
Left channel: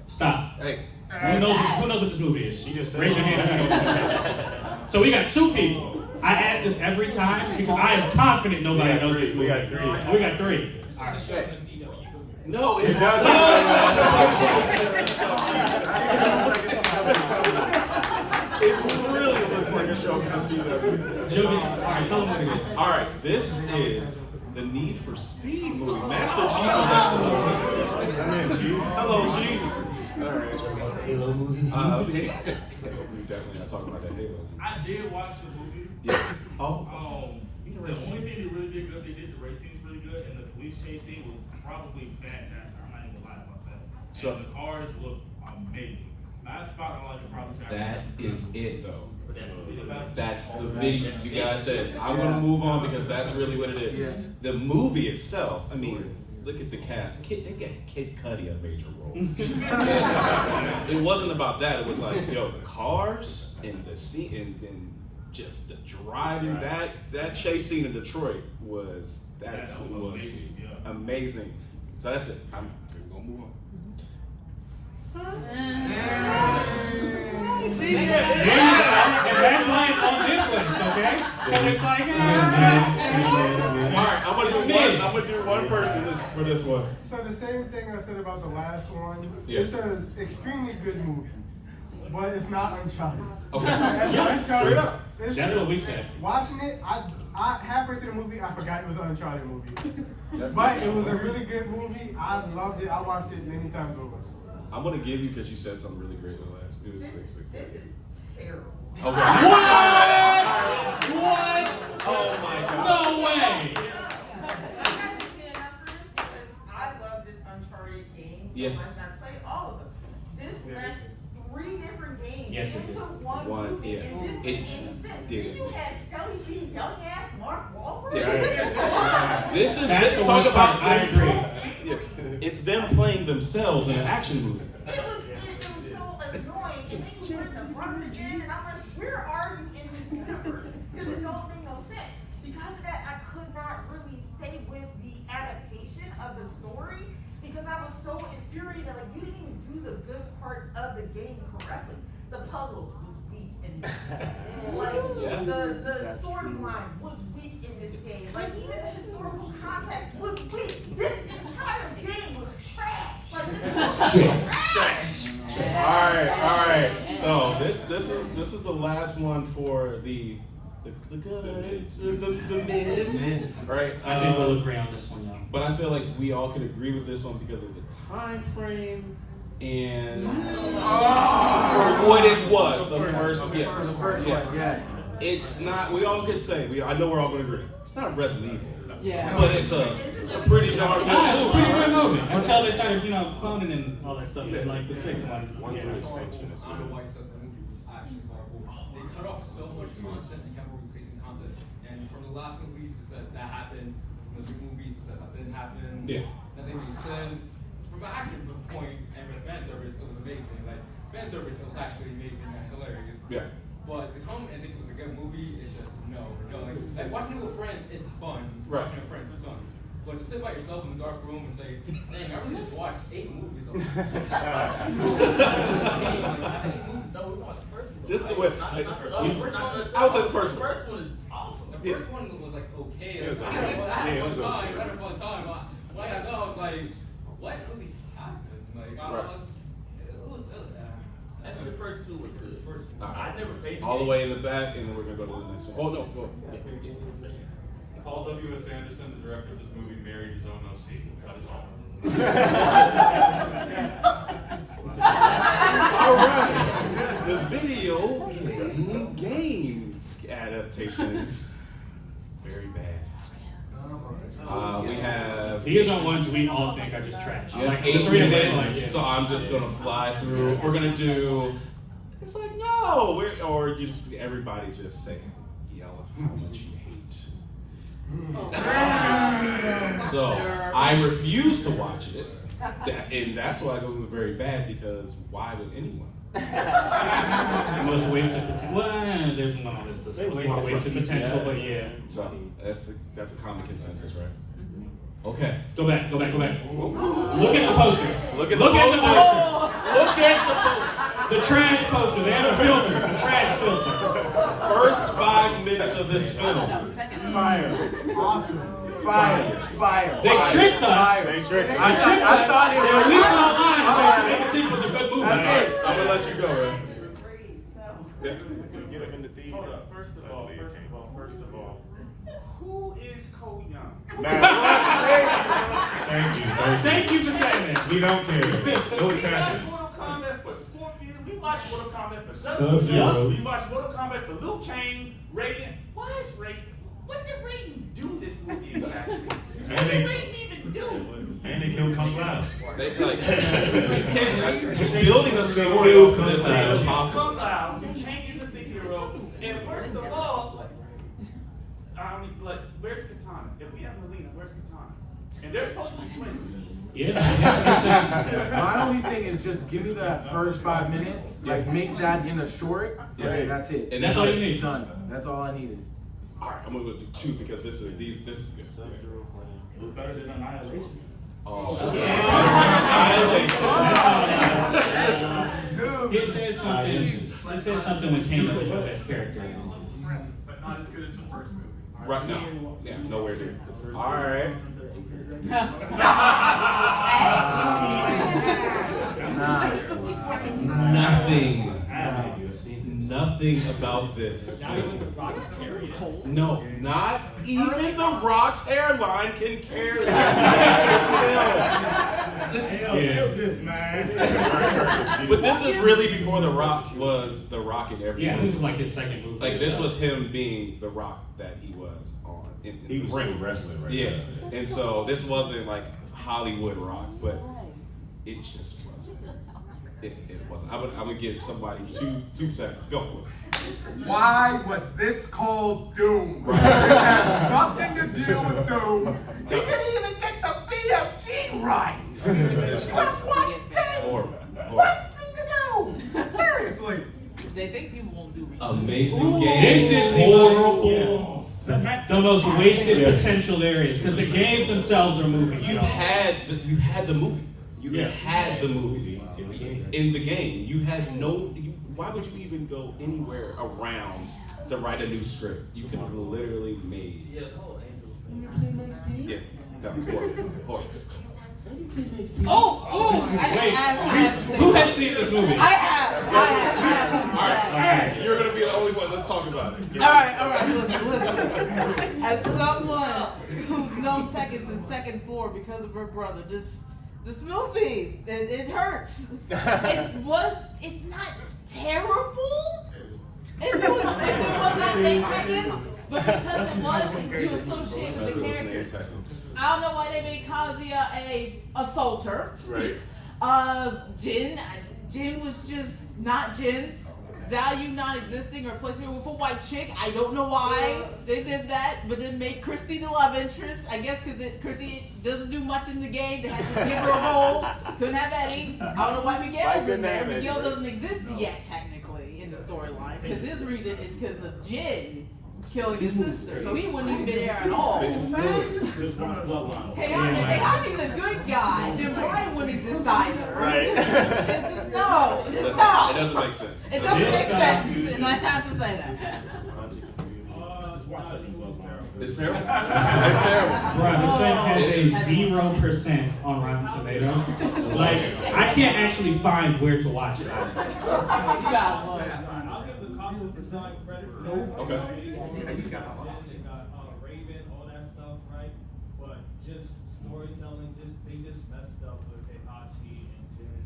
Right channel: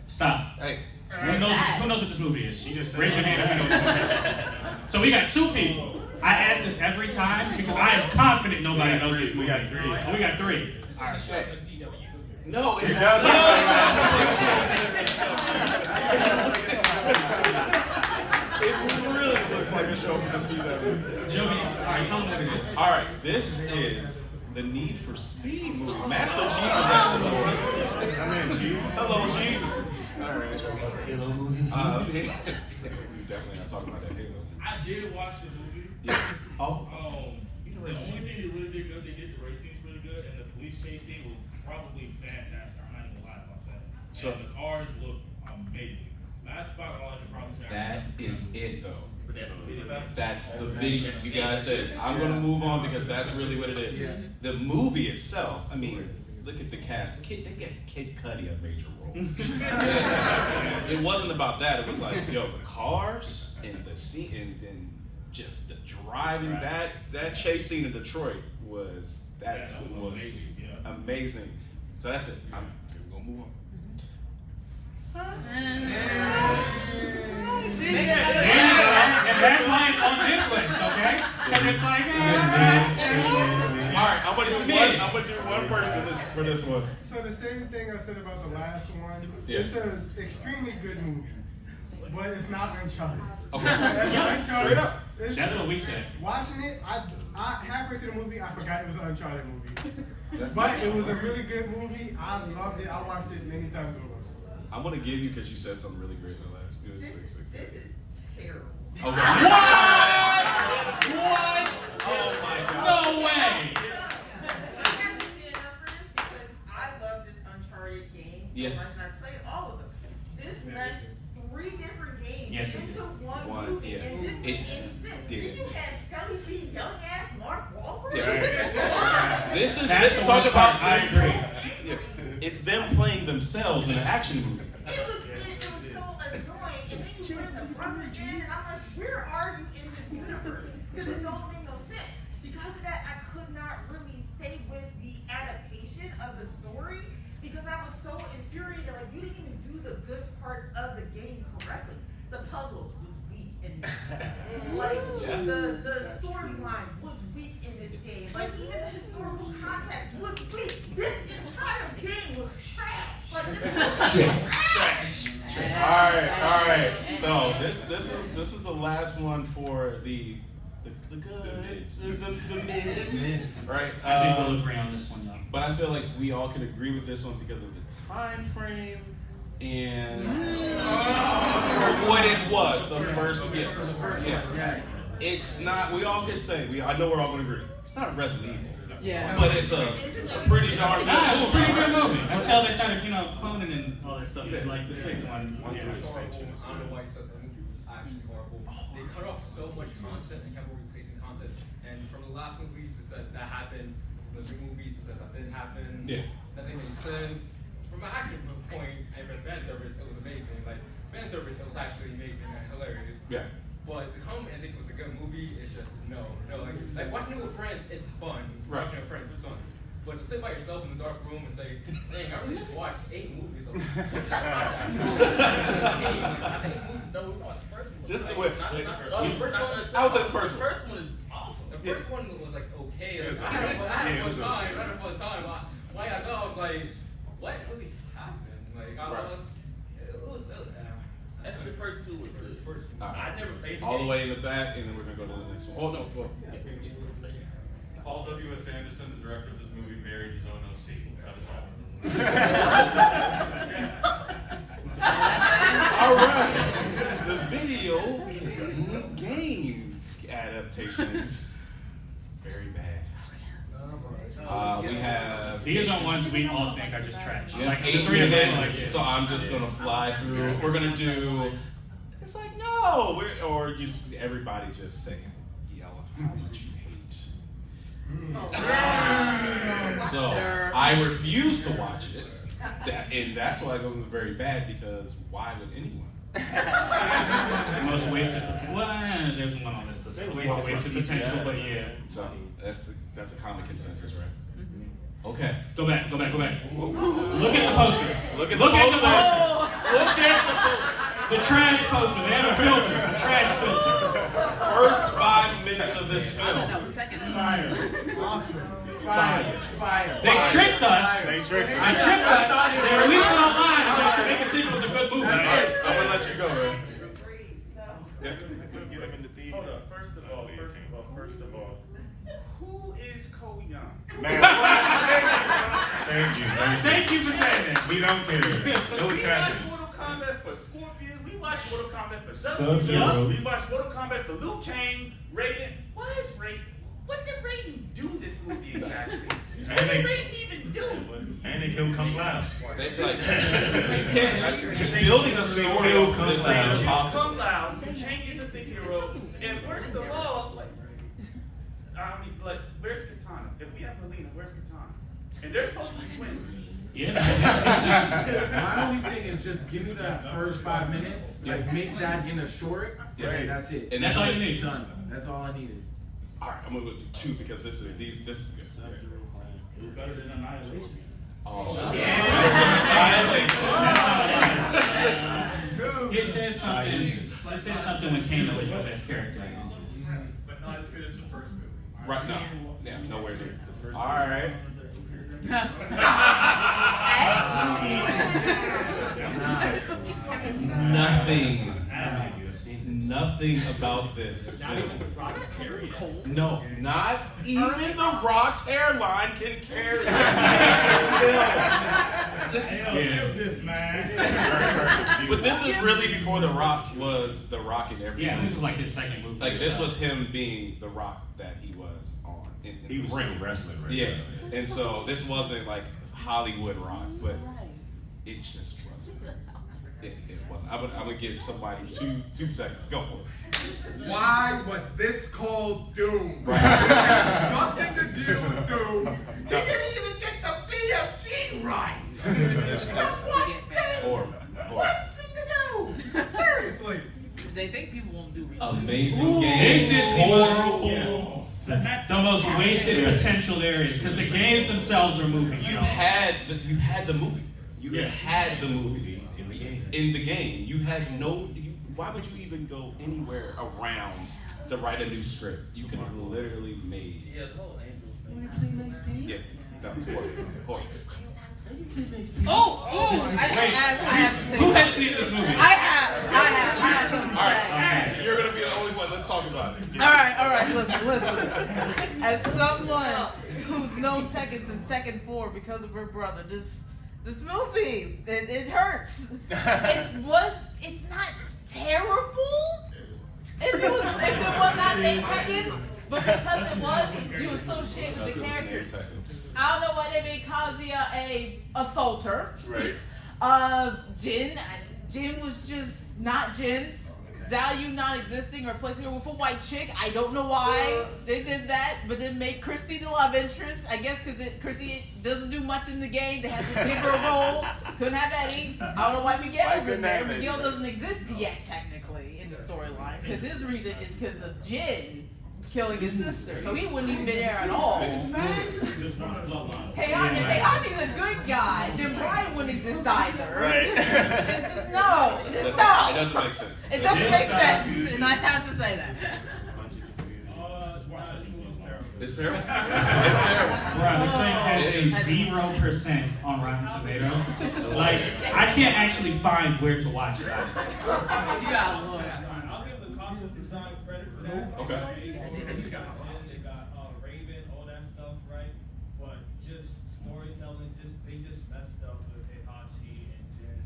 Stop. Hey. Who knows what this movie is? She just said Raise your hand if you know what it is. So we got 2 people. I ask this every time because I am confident nobody knows this movie. We got 3. Oh, we got 3. All right. No, it does. It really looks like a show from the CW. Joey, all right, tell them what it is. All right, this is the Need for Speed movie. Master Chief is at the movie. Come in, Chief. Hello, Chief. All right. Talking about the Halo movie. We definitely are talking about that Halo movie. I did watch the movie. Yeah. Oh. The only thing they really did good, they did the race scenes really good, and the police chase scene was probably fantastic. I'm not even gonna lie about that. So and the cars look amazing. That's about all I can probably say. that is it, though. That's the video. You guys said I'm gonna move on because that's really what it is. The movie itself. I mean, look at the cast. They get Kid Cudi a major role. And it wasn't about that. It was like, yo, the cars and the scene and just the driving. That chase scene in Detroit was amazing. So that's it. I'm gonna move on. And that's why it's on this list, okay? And it's like, all right, I'm gonna do one person for this one. So the same thing I said about the last one. Yeah. It's an extremely good movie, but it's not Uncharted. Okay. Uncharted, Straight up. That's what we said. Watching it, I halfway through the movie, I forgot it was an Uncharted movie. But it was a really good movie. I loved it. I watched it many times over. I'm gonna give you because you said something really great in the last. This is terrible. Okay. What? Oh my God. No way. I had to stand up for this because I love this Uncharted game so Yeah. much, and I played all of them. This meshed Yes, it into did. one movie. yeah. It didn't It make any sense. did. Then you had Skelly being young ass Mark Wahlberg. Yeah. This is That's the talk worst about. part. I agree. Yeah. It's them playing themselves in an action movie. It was so annoying. And then you were in the brother again, and I'm like, where are you in this universe? Because it don't make no sense. Because of that, I could not really stay with the adaptation of the story because I was so infuriated. Like, you didn't even do the good parts of the game correctly. The puzzles was weak in this game. Like, the storyline was weak in this game. Like, even the historical context was weak. This entire game was trash. Like, this was trash. All right. So this is the last one for the good, the mid, right? I think we'll agree on this one, though. But I feel like we all can agree with this one because of the time frame and for what it was, the first gift. For the first one, yes. It's not. We all can say. I know we're all going to agree. It's not Resident Evil. Yeah. But it's a pretty darn good It's a movie. pretty good movie. Until they started, cloning and all that stuff. Like the sixth one. One through extension. I don't know why I said the movie was actually horrible. They cut off so much content and kept replacing content. And from the last movies, they said that happened. From the new movies, they said that didn't happen. Yeah. Nothing made sense. From an action point and from fan service, it was amazing. Like fan service, it was actually amazing and hilarious. Yeah. But to come and think it was a good movie, it's just no. Like watching it with friends, it's fun. Right. Watching it with friends, it's fun. But to sit by yourself in the dark room and say, dang, I really just watched 8 movies. No, it was like the first one. Just the Like, way. not the first I one. I would say the first The one. first one is awesome. The first one was like okay. It was I had a fun time. okay. I had a fun time. Why I know I was like, what really happened? Like I was, it was. Actually, the first two was good. I never played the All the game. way in the back, and then we're gonna go to the next one. Oh no, go. Paul W.S. Anderson, the director of this movie, married his own OC. That is all. All right, the video game adaptations, very bad. We have. These are ones we all think are just trash. Yeah, Like 8 the three of us minutes, are like, yeah. so I'm just gonna fly through. We're gonna do. It's like no, or just everybody just say, yell how much you hate. So I refuse to watch it, and that's why it goes into very bad because why would anyone? Most wasted potential. Well, there's one on this list. More wasted potential, but yeah. So that's a common consensus, right? Okay. Go back. Look at the posters. Look at the posters. Look at the posters. The trash poster. They have a filter. The trash filter. First 5 minutes of this film. Fire. Awesome. Fire. They tricked us. They tricked us. I tricked I us. thought it They was- released it online. I made us think it was a good movie. That's it. I'm gonna let you go, man. Get him in the theater. Hold up. First of all, who is Cole Young? Thank you for saying that. We don't care. No We trash. watched Mortal Kombat for Scorpion. We watched Mortal Kombat for Sub-Zero. We watched Mortal Kombat for Liu Kang, Raiden. Why is Raiden? What did Raiden do this movie exactly? What did Raiden even do? And they killed Kung Lao. They building a story of this is impossible. Kung Lao, Liu Kang isn't the hero, and worst of all, where's Katana? If we have Melina, where's Katana? And they're supposed to be twins. Yeah. My only thing is just give me that first 5 minutes, like make that in a short, right? That's it. And that's all you need. Done. That's all I needed. All right, I'm gonna go do 2 because this is good. We're better than Annihilation. Oh, It says something. It says something when Kano was your best character. But not as good as the first movie. right now. Yeah, nowhere near. All right. Nothing about this. No, not even The Rock's hairline can carry it. But this is really before The Rock was The Rock in every Yeah, movie. this is like his second movie. Like this was him being The Rock that he was on. He was ring. still wrestling right Yeah, now. and so this wasn't like Hollywood Rock, but it just wasn't. It wasn't. I would give somebody two seconds. Go for it. Why was this called Doom? Right. It has nothing to do with Doom. He didn't even get the BFG right. What thing to do? Seriously. They think people won't do it. Amazing game. This is horrible. The most wasted potential there is because the games themselves are moving. You had the movie. You had the movie in the game. You had no. Why would you even go anywhere around to write a new script? You could have literally made. Yeah, the whole angel thing. Yeah, no, it's horrible. Who has seen this movie? I have something to say. You're gonna be the only one. Let's talk about it. All right. Listen. As someone who's known Tekken since second floor because of her brother, this movie, it hurts. It's not terrible. If it was not named Tekken, but because it was, you associate with the character. I don't know why they made Kazuya a assaulter. Right. Jin was just not Jin. Zhao Yu non-existing or replacing her with a white chick. I don't know why they did that, but then make Christy the love interest. I guess because Christy doesn't do much in the game. They had to give her a role. Couldn't have Eddie. I don't know why Miguel's in there. Miguel doesn't exist yet, technically, in the storyline. Because his reason is because of Jin killing his sister. So he wouldn't even be there at all. Heihachi's a good guy. Then Brian wouldn't exist either. Right. No. It doesn't make sense. It doesn't make sense, and I have to say that. It's terrible. It's terrible. Bro, this thing has a 0% on Rotten Tomatoes. Like, I can't actually find where to watch it. You got one. I'll give the costume design credit for that. Okay. They got Raven, all that stuff, right? But just storytelling, they just messed up with Heihachi and Jin.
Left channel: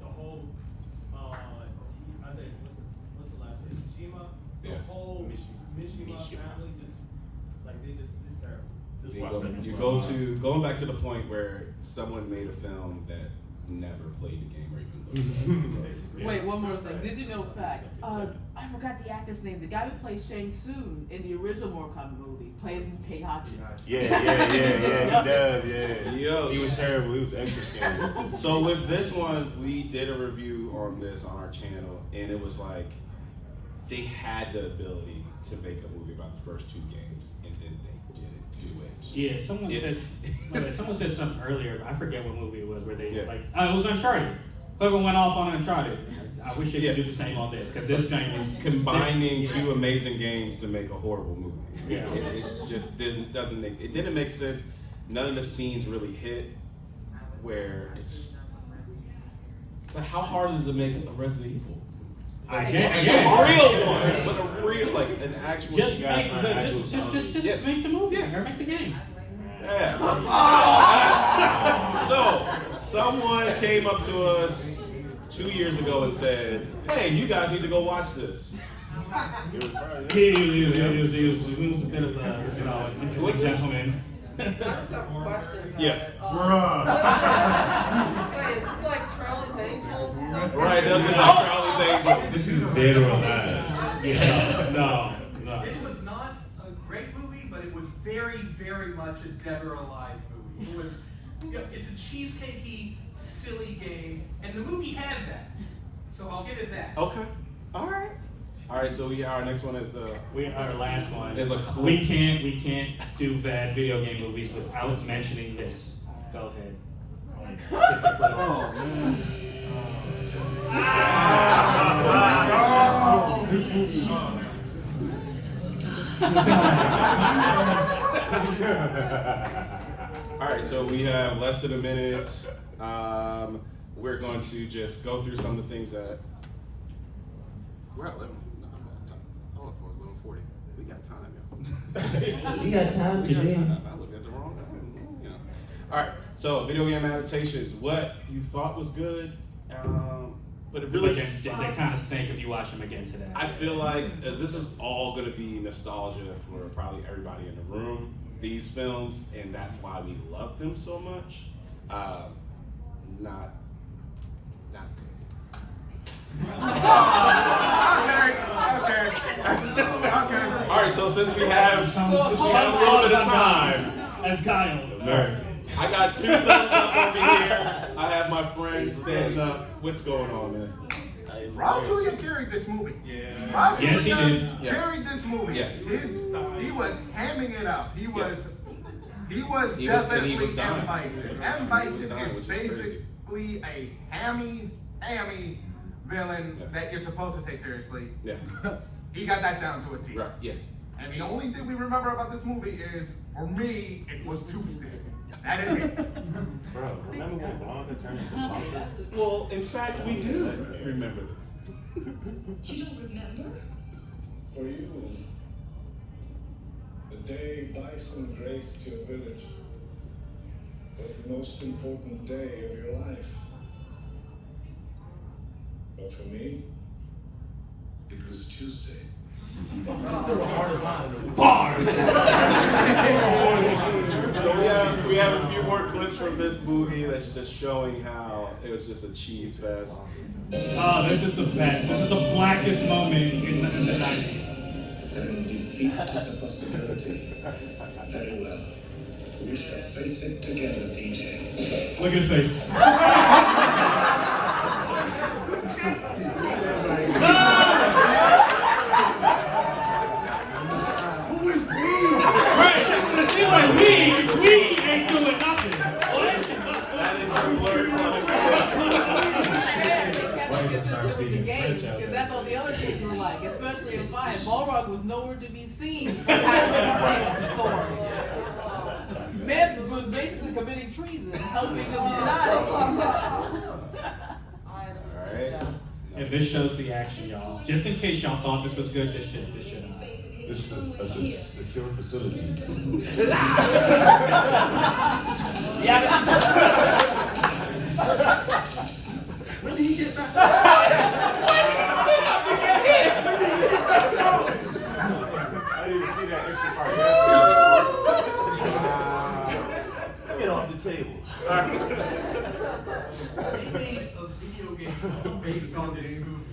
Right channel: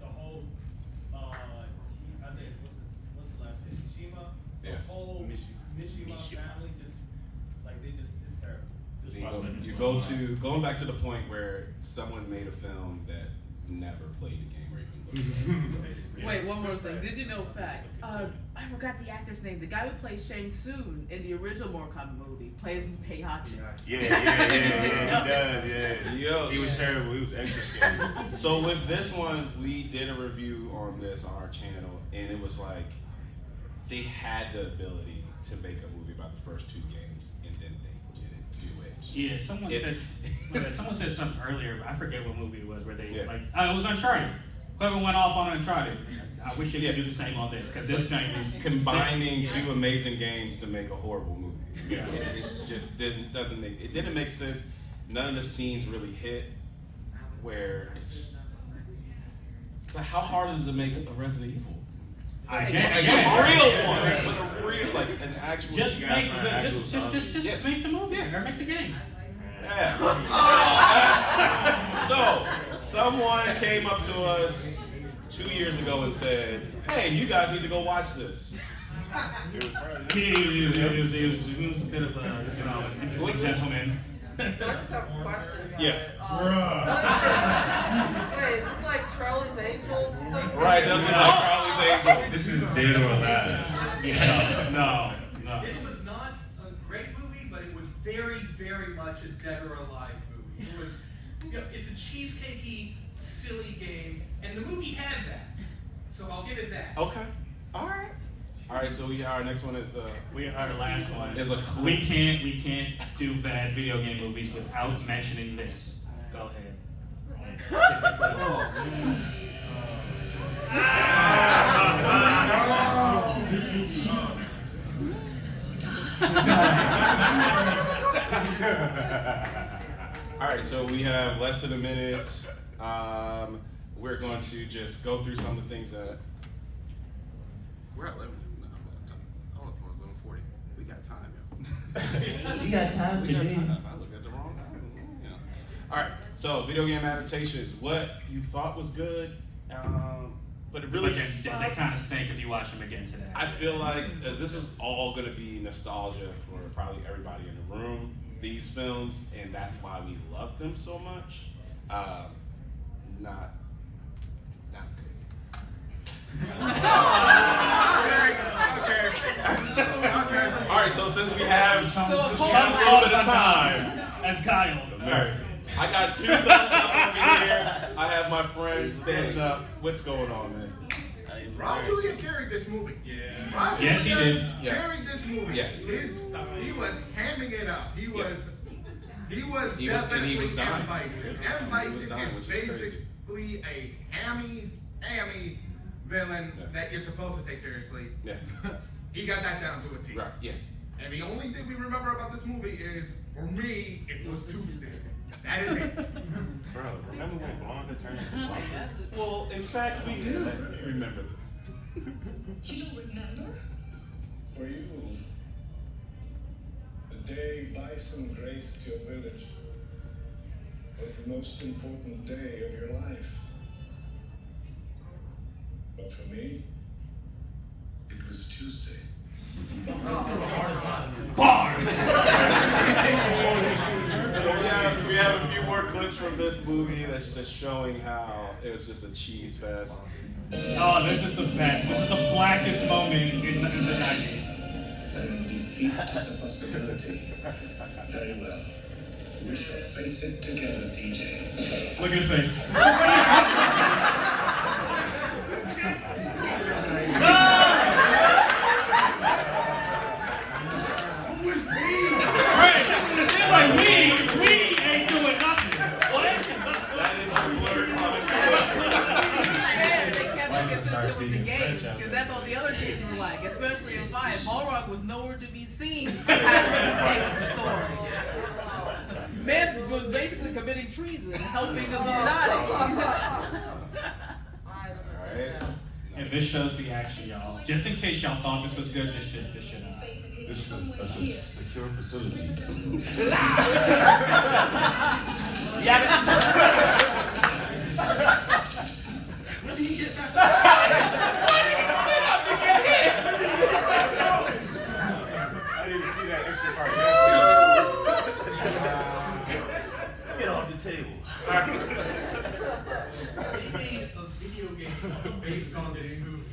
The whole, I think what's the last name? Mishima. Yeah. The whole Mishima family it's You terrible. going back to the point where someone made a film that never played the game or even Wait, one more thing. Did you know fact? I forgot the actor's name. The guy who plays Shang Tsung in the original Mortal Kombat movie plays Heihachi. Yeah, he does, yeah. He was terrible, he was extra scary. So with this one, we did a review on this on our channel, and it was like, they had the ability to make a movie about the first two games, and then they didn't do it. Yeah, someone said something earlier, but I forget what movie it was where they it was Uncharted. Whoever went off on Uncharted, I wish they could do the same on this, because this game is combining two amazing games to make a horrible movie. Yeah. It just didn't make sense. None of the scenes really hit where it's like, how hard is it to make a Resident Evil? I A guess. real one, but a real, like an actual. Just make the movie or make the game. Yeah. So, someone came up to us 2 years ago and said, "Hey, you guys need to go watch this." It was a bit of a, interesting gentleman. I just have a question. Yeah. Wait, is this like Charlie's Angels or something? Right, it doesn't like Charlie's Angels. This is dead or alive. No. This was not a great movie, but it was very, very much a dead or alive movie. It was, it's a cheesecakey, silly game, and the movie had that. So I'll give it that. Okay. All right. So our next one is our last one is a clip. We can't do bad video game movies without mentioning this. Go ahead. All right, so we have less than a minute. We're going to just go through some of the things that we're at 11. No, oh, it's 11:40. We got time, yo. We got time We got today. time. I looked at the wrong. All right, so video game adaptations. What you thought was good, but it really they kind of stink if you watch them again today. I feel like this is all going to be nostalgia for probably everybody in the room. These films, and that's why we love them so much. Not good. All right, so since we have So all of the time, as Kyle. American. I got 2 thumbs up over here. I have my friend standing up. What's going on, man? Raul Julia carried this movie. Yeah. Raul Yes, he Julia did. Yes. carried this movie. Yes. He was hamming it up. He was He definitely was dying. M. Bison. Yeah. M. He was Bison dying, is which is crazy. basically a hammy villain that you're supposed to take seriously. Yeah. He got that down to a T. Right. Yeah. And the only thing we remember about this movie is, for me, it was Tuesday. That is it. Bro, remember when Blonde turned into Pumpkin? Well, in fact, we do remember this. You don't remember? For you, the day Bison graced your village was the most important day of your life. But for me, it was Tuesday. Bars. So we have a few more clips from this movie that's just showing how it was just a cheese fest. Oh, this is the best. This is the blackest moment in the 90s. Defeat is a possibility. Very well. We shall face it together, DJ. Look at his face. It's like we ain't doing nothing. Because that's what the other games were like, especially in 5. Balrog was nowhere to be seen. Man was basically committing treason, helping the Illuminati. Alright. And this shows the action, y'all. Just in case y'all thought this was good, this shit. This is a secure facility. Where did he get that? I didn't even see that extra part. Get off the table. They made a video game based on this movie.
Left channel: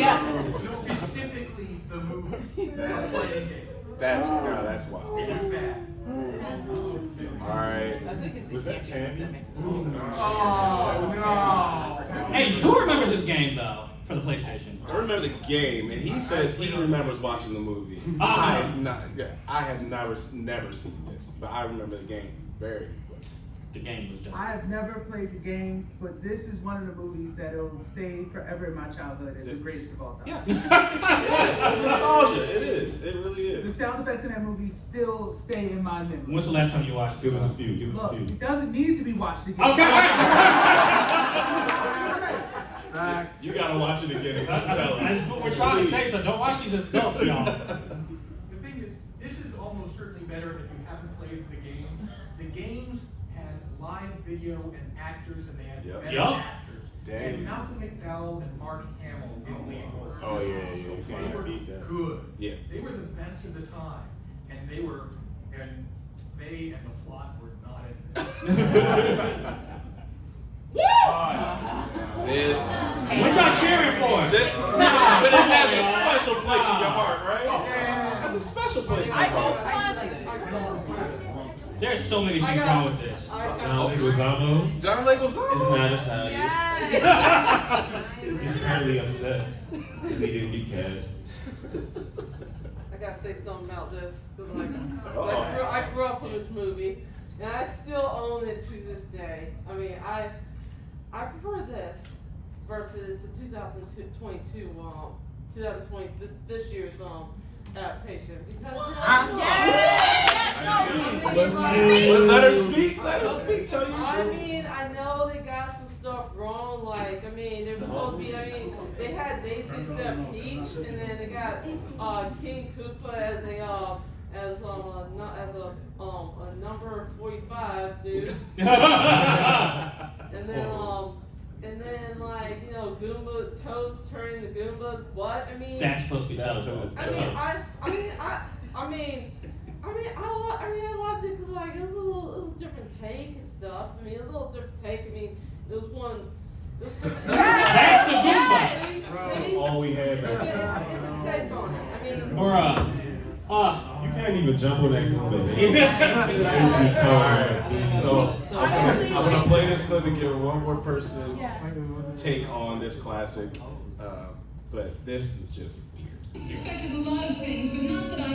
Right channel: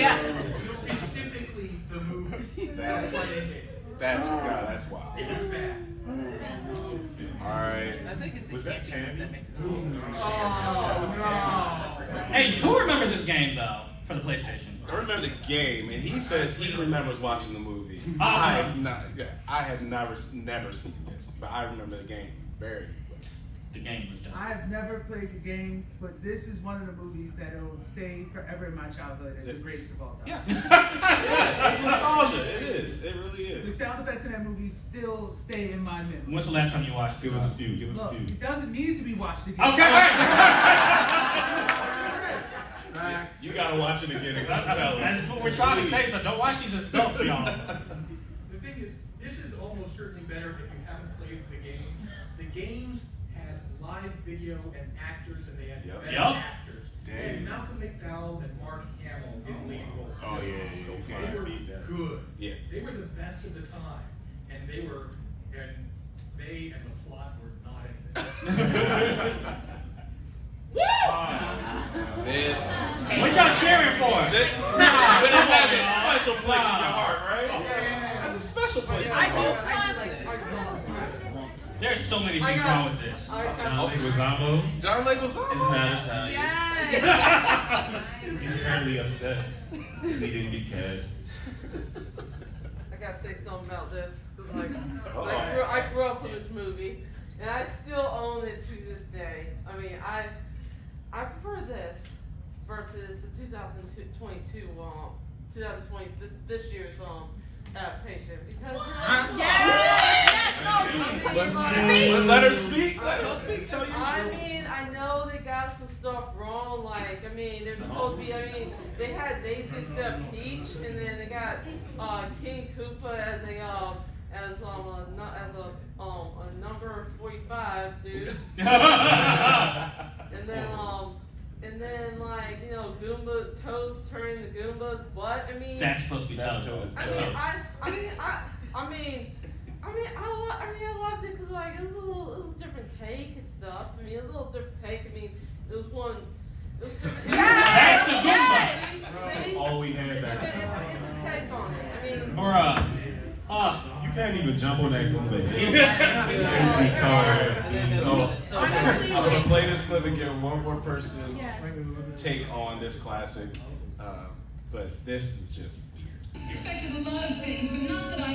Yeah. Specifically the movie. That's wild. It was bad. Alright. I think it's the Was that camping Candy? that makes it so Hey, who remembers this game though for the PlayStation? I remember the game, and he says he remembers watching the movie. Oh, I okay. have not. Yeah, I had never seen this, but I remember the game very well. The game was dope. I've never played the game, but this is one of the movies that will stay forever in my childhood as the greatest of all time. Yeah. It's nostalgia. It is. It really The is. sound effects in that movie still stay in my memory. When's the last time you watched it? Give us a few. Give us Look, a few. it doesn't need to be watched again. Okay. You gotta watch it again and come tell us. That's what we're trying to say, so don't watch these as adults, y'all. The thing is, this is almost certainly better if you haven't played the game. The games had live video and actors, and they had better Yup. actors. Damn. And Malcolm McDowell and Mark Hamill in lead roles. Oh, yeah. You They can't were beat that. good. Yeah. They were the best of the time, and they and the plot were not in this. This. What y'all cheering for? But it has a special place in your heart, right? It has a special place in your heart. There's so many things wrong with this. John Leguizamo. John Leguizamo. Is mad Italian. He's apparently upset because he didn't get cast. I gotta say something about this because Uh-oh. I grew up with this movie and I still own it to this day. I mean, I prefer this versus the 2022 this year's adaptation because Let her speak. Let her speak. Tell you the I truth. mean, I know they got some stuff wrong. Like, I mean, they're supposed to be. I mean, they had Daisy Step Peach, and then they got King Koopa as a number 45 dude. And then like Goombas, Toads turning the Goombas. But I mean, That's supposed to be Toad. I loved it because like it was a different take and stuff. I mean, it was a little different take. I mean, it was one. Back to Goomba. All we had back then. Bruh. You can't even jump on that Goomba. So I'm gonna play this clip and get one more person's take on this classic. But this is just weird. Expected a lot of things, but not that I.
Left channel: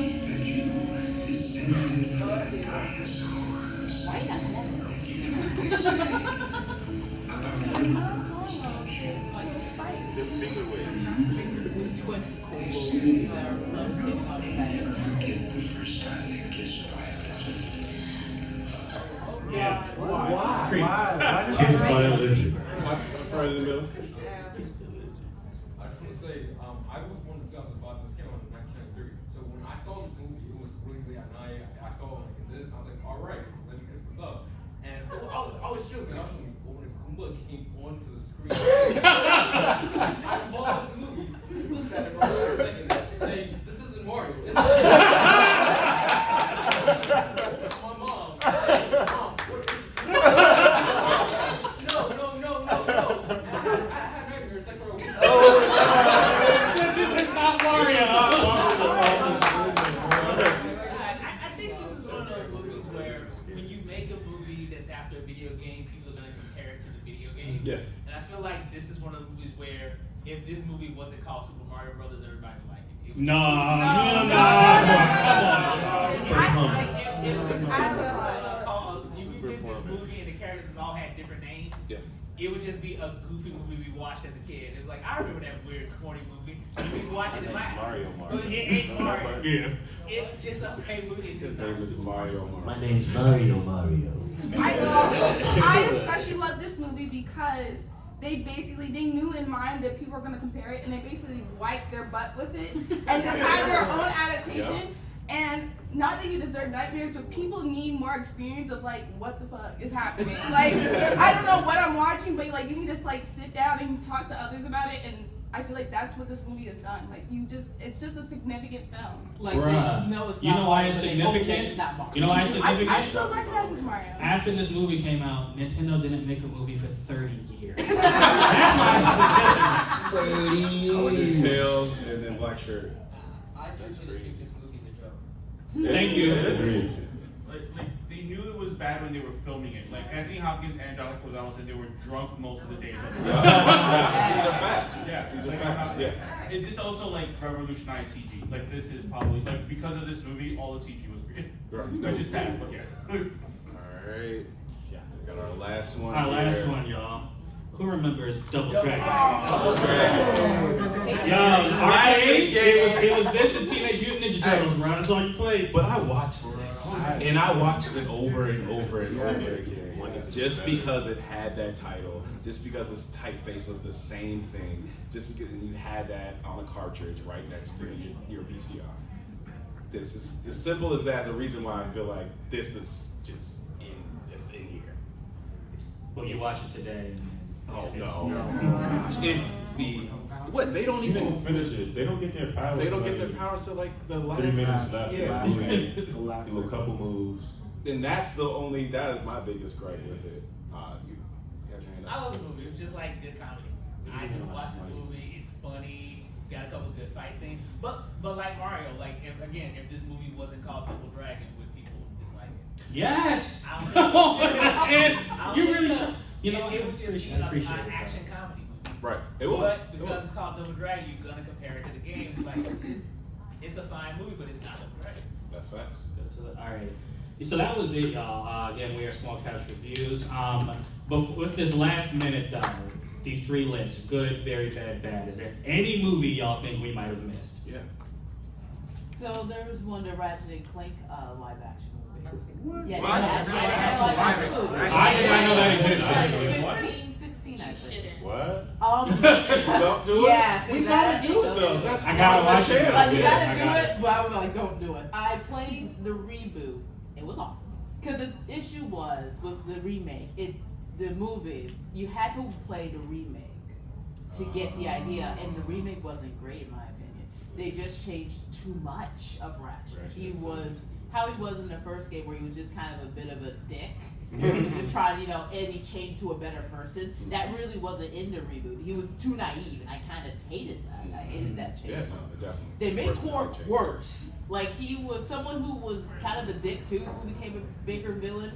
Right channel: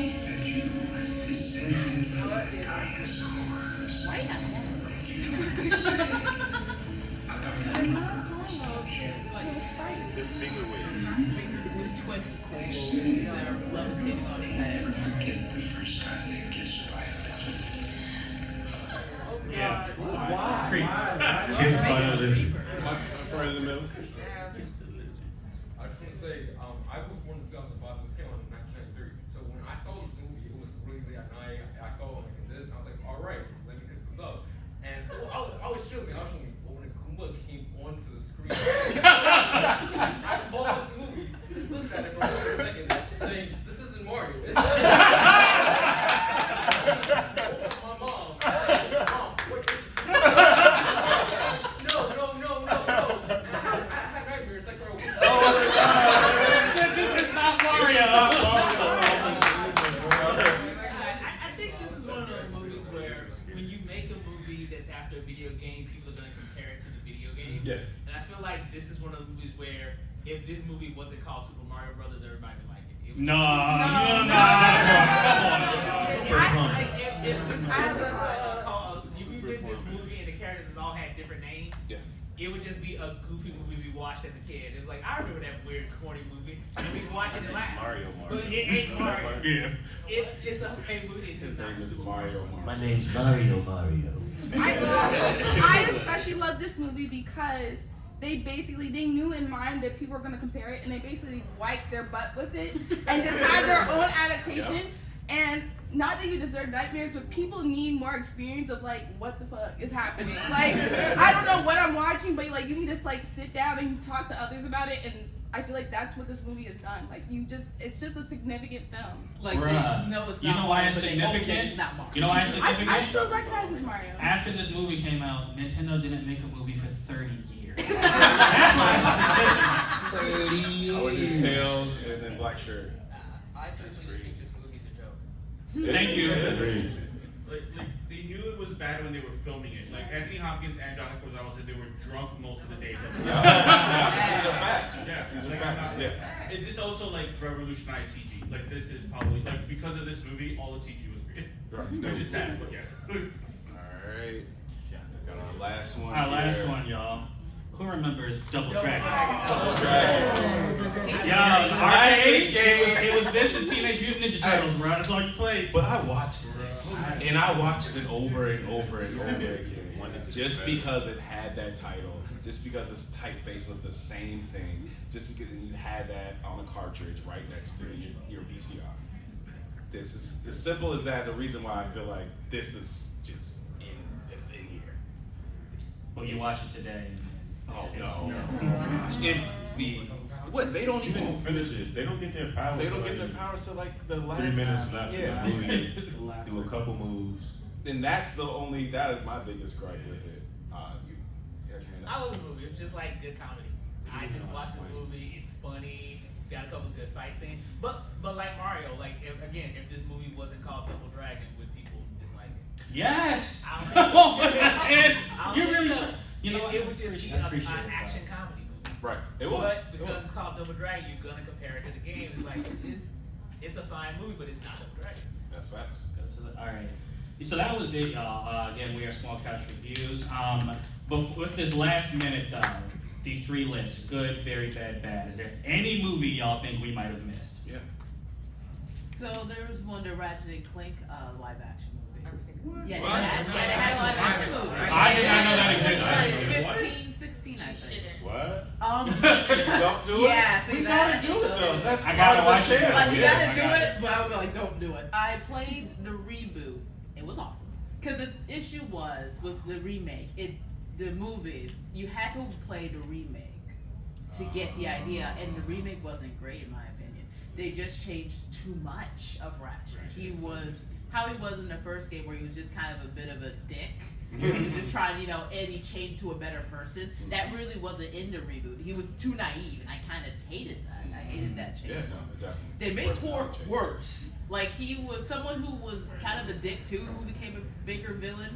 Kissed by a lizard. My friend in the middle. I just want to say, I was born in 2005 and this came out in 1993. So when I saw this movie, it was really late at night. I saw it like this. I was like, all right, let me pick this up. And I was shooting. But when Goomba came onto the screen, I paused the movie, looked at it for a second, saying, "This isn't Mario." It's my mom. Mom, what is this? No. I had nightmares like for a week. This is not Mario. I think this is one of those movies where when you make a movie that's after a video game, people are going to compare it to the video game. Yeah. And I feel like this is one of the movies where if this movie wasn't called Super Mario Brothers, everybody would like it. No. If you did this movie and the characters all had different names, it would just be a goofy movie we watched as a kid. It was like, I remember that weird, corny movie. And we watch it and laugh. Mario. But it ain't Mario. Yeah. It's a okay movie. It's His just name is Mario. My name's Mario. I especially love this movie because they knew in mind that people were going to compare it, and they basically wiped their butt with it and just had their own adaptation. Yep. And not that you deserve nightmares, but people need more experience of like what the fuck is happening. Like I don't know what I'm watching, but like you need to like sit down and talk to others about it. And I feel like that's what this movie has done. Like it's just a significant film. Like Bruh. it's You know not why Mario, it's but they both think significant? it's not Mario. You know why it's significant? I still recognize it's Mario. After this movie came out, Nintendo didn't make a movie for 30 years. That's why it's significant. I went to Tails and then Black Shirt. I truthfully think this movie's a joke. Thank you. Like they knew it was bad when they were filming it. Like Anthony Hopkins and John Leguizamo said they were drunk most of the day. These are facts. Yeah, These are like, facts. Yeah. Is this also like revolutionized CG? Like this is probably like because of this movie, all the CG was great. Which is sad, but yeah. Alright. Got our last one. Our last here. one, y'all. Who remembers Double Dragon? Double Dragon. Yo, Classic game. it was this and Teenage Mutant Ninja Turtles, bro. That's all you played. But I watched this, and I watched it over and over and over again. Just because it had that title, just because its typeface was the same thing, just because you had that on a cartridge right next to your VCR. This is as simple as that. The reason why I feel like this is just it's in here. But you watch it today. Oh no! What they don't even finish it. They don't get their power. They don't get their powers till like the last 3 minutes left. Yeah. Do a couple moves. And that is my biggest gripe with it. If you got your hand up. I love the movie. It's just like good comedy. I just watched this movie. It's funny. Got a couple good fight scenes. But like Mario, like if this movie wasn't called Double Dragon, would people dislike it? Yes. I don't think so. You really. So. You know, it would just be an action comedy movie. Right. It was. But because it's called Double Dragon, you're gonna compare it to the game. It's like it's a fine movie, but it's not Double Dragon. That's facts. All right. So that was it, y'all. Again, we are Small Couch Reviews. But with this last minute, though, these 3 lists: good, very bad, bad. Is there any movie y'all think we might have missed? Yeah. So there was Wonder Ratchet and Clank live action movie. Yeah, What? they had a live action movie. I did not know that existed. Like 15, 16, I think. What? Don't do it. Yes, We gotta do it though. That's I gotta watch it. Like, you Yeah, gotta I do got it, but I would be like, don't do it. I played the reboot. It was awful. Because the issue was with the remake, the movie, you had to play the remake to get the idea, and the remake wasn't great in my opinion. They just changed too much of Ratchet. He was how he was in the first game, where he was just kind of a bit of a dick. Where he was just trying, and he changed to a better person. That really wasn't in the reboot. He was too naive, and I kind of hated that. I hated that change. Yeah, no, definitely. They made Personality Cork change. worse. Like, he was someone who was kind of a dick too, who became a bigger villain,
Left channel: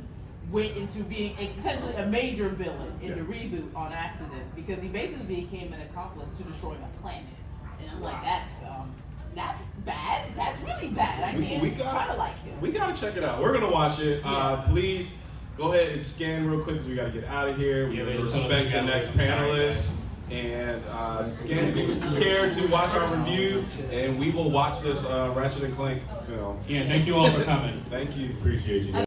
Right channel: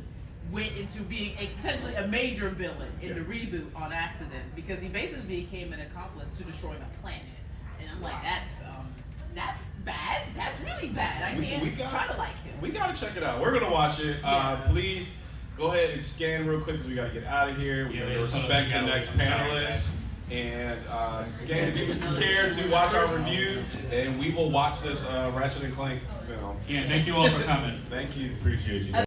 went into being essentially a major villain in the reboot on accident, because he basically became an accomplice to destroying a planet. And I'm like, that's bad. That's really bad. I can't try to like him. We gotta check it out. We're gonna watch it. Please go ahead and scan real quick because we gotta get out of here. We gotta respect the next panelist. And scan if you care to watch our reviews, and we will watch this Ratchet and Clank film. Yeah, thank you all for coming. Thank you. Appreciate you.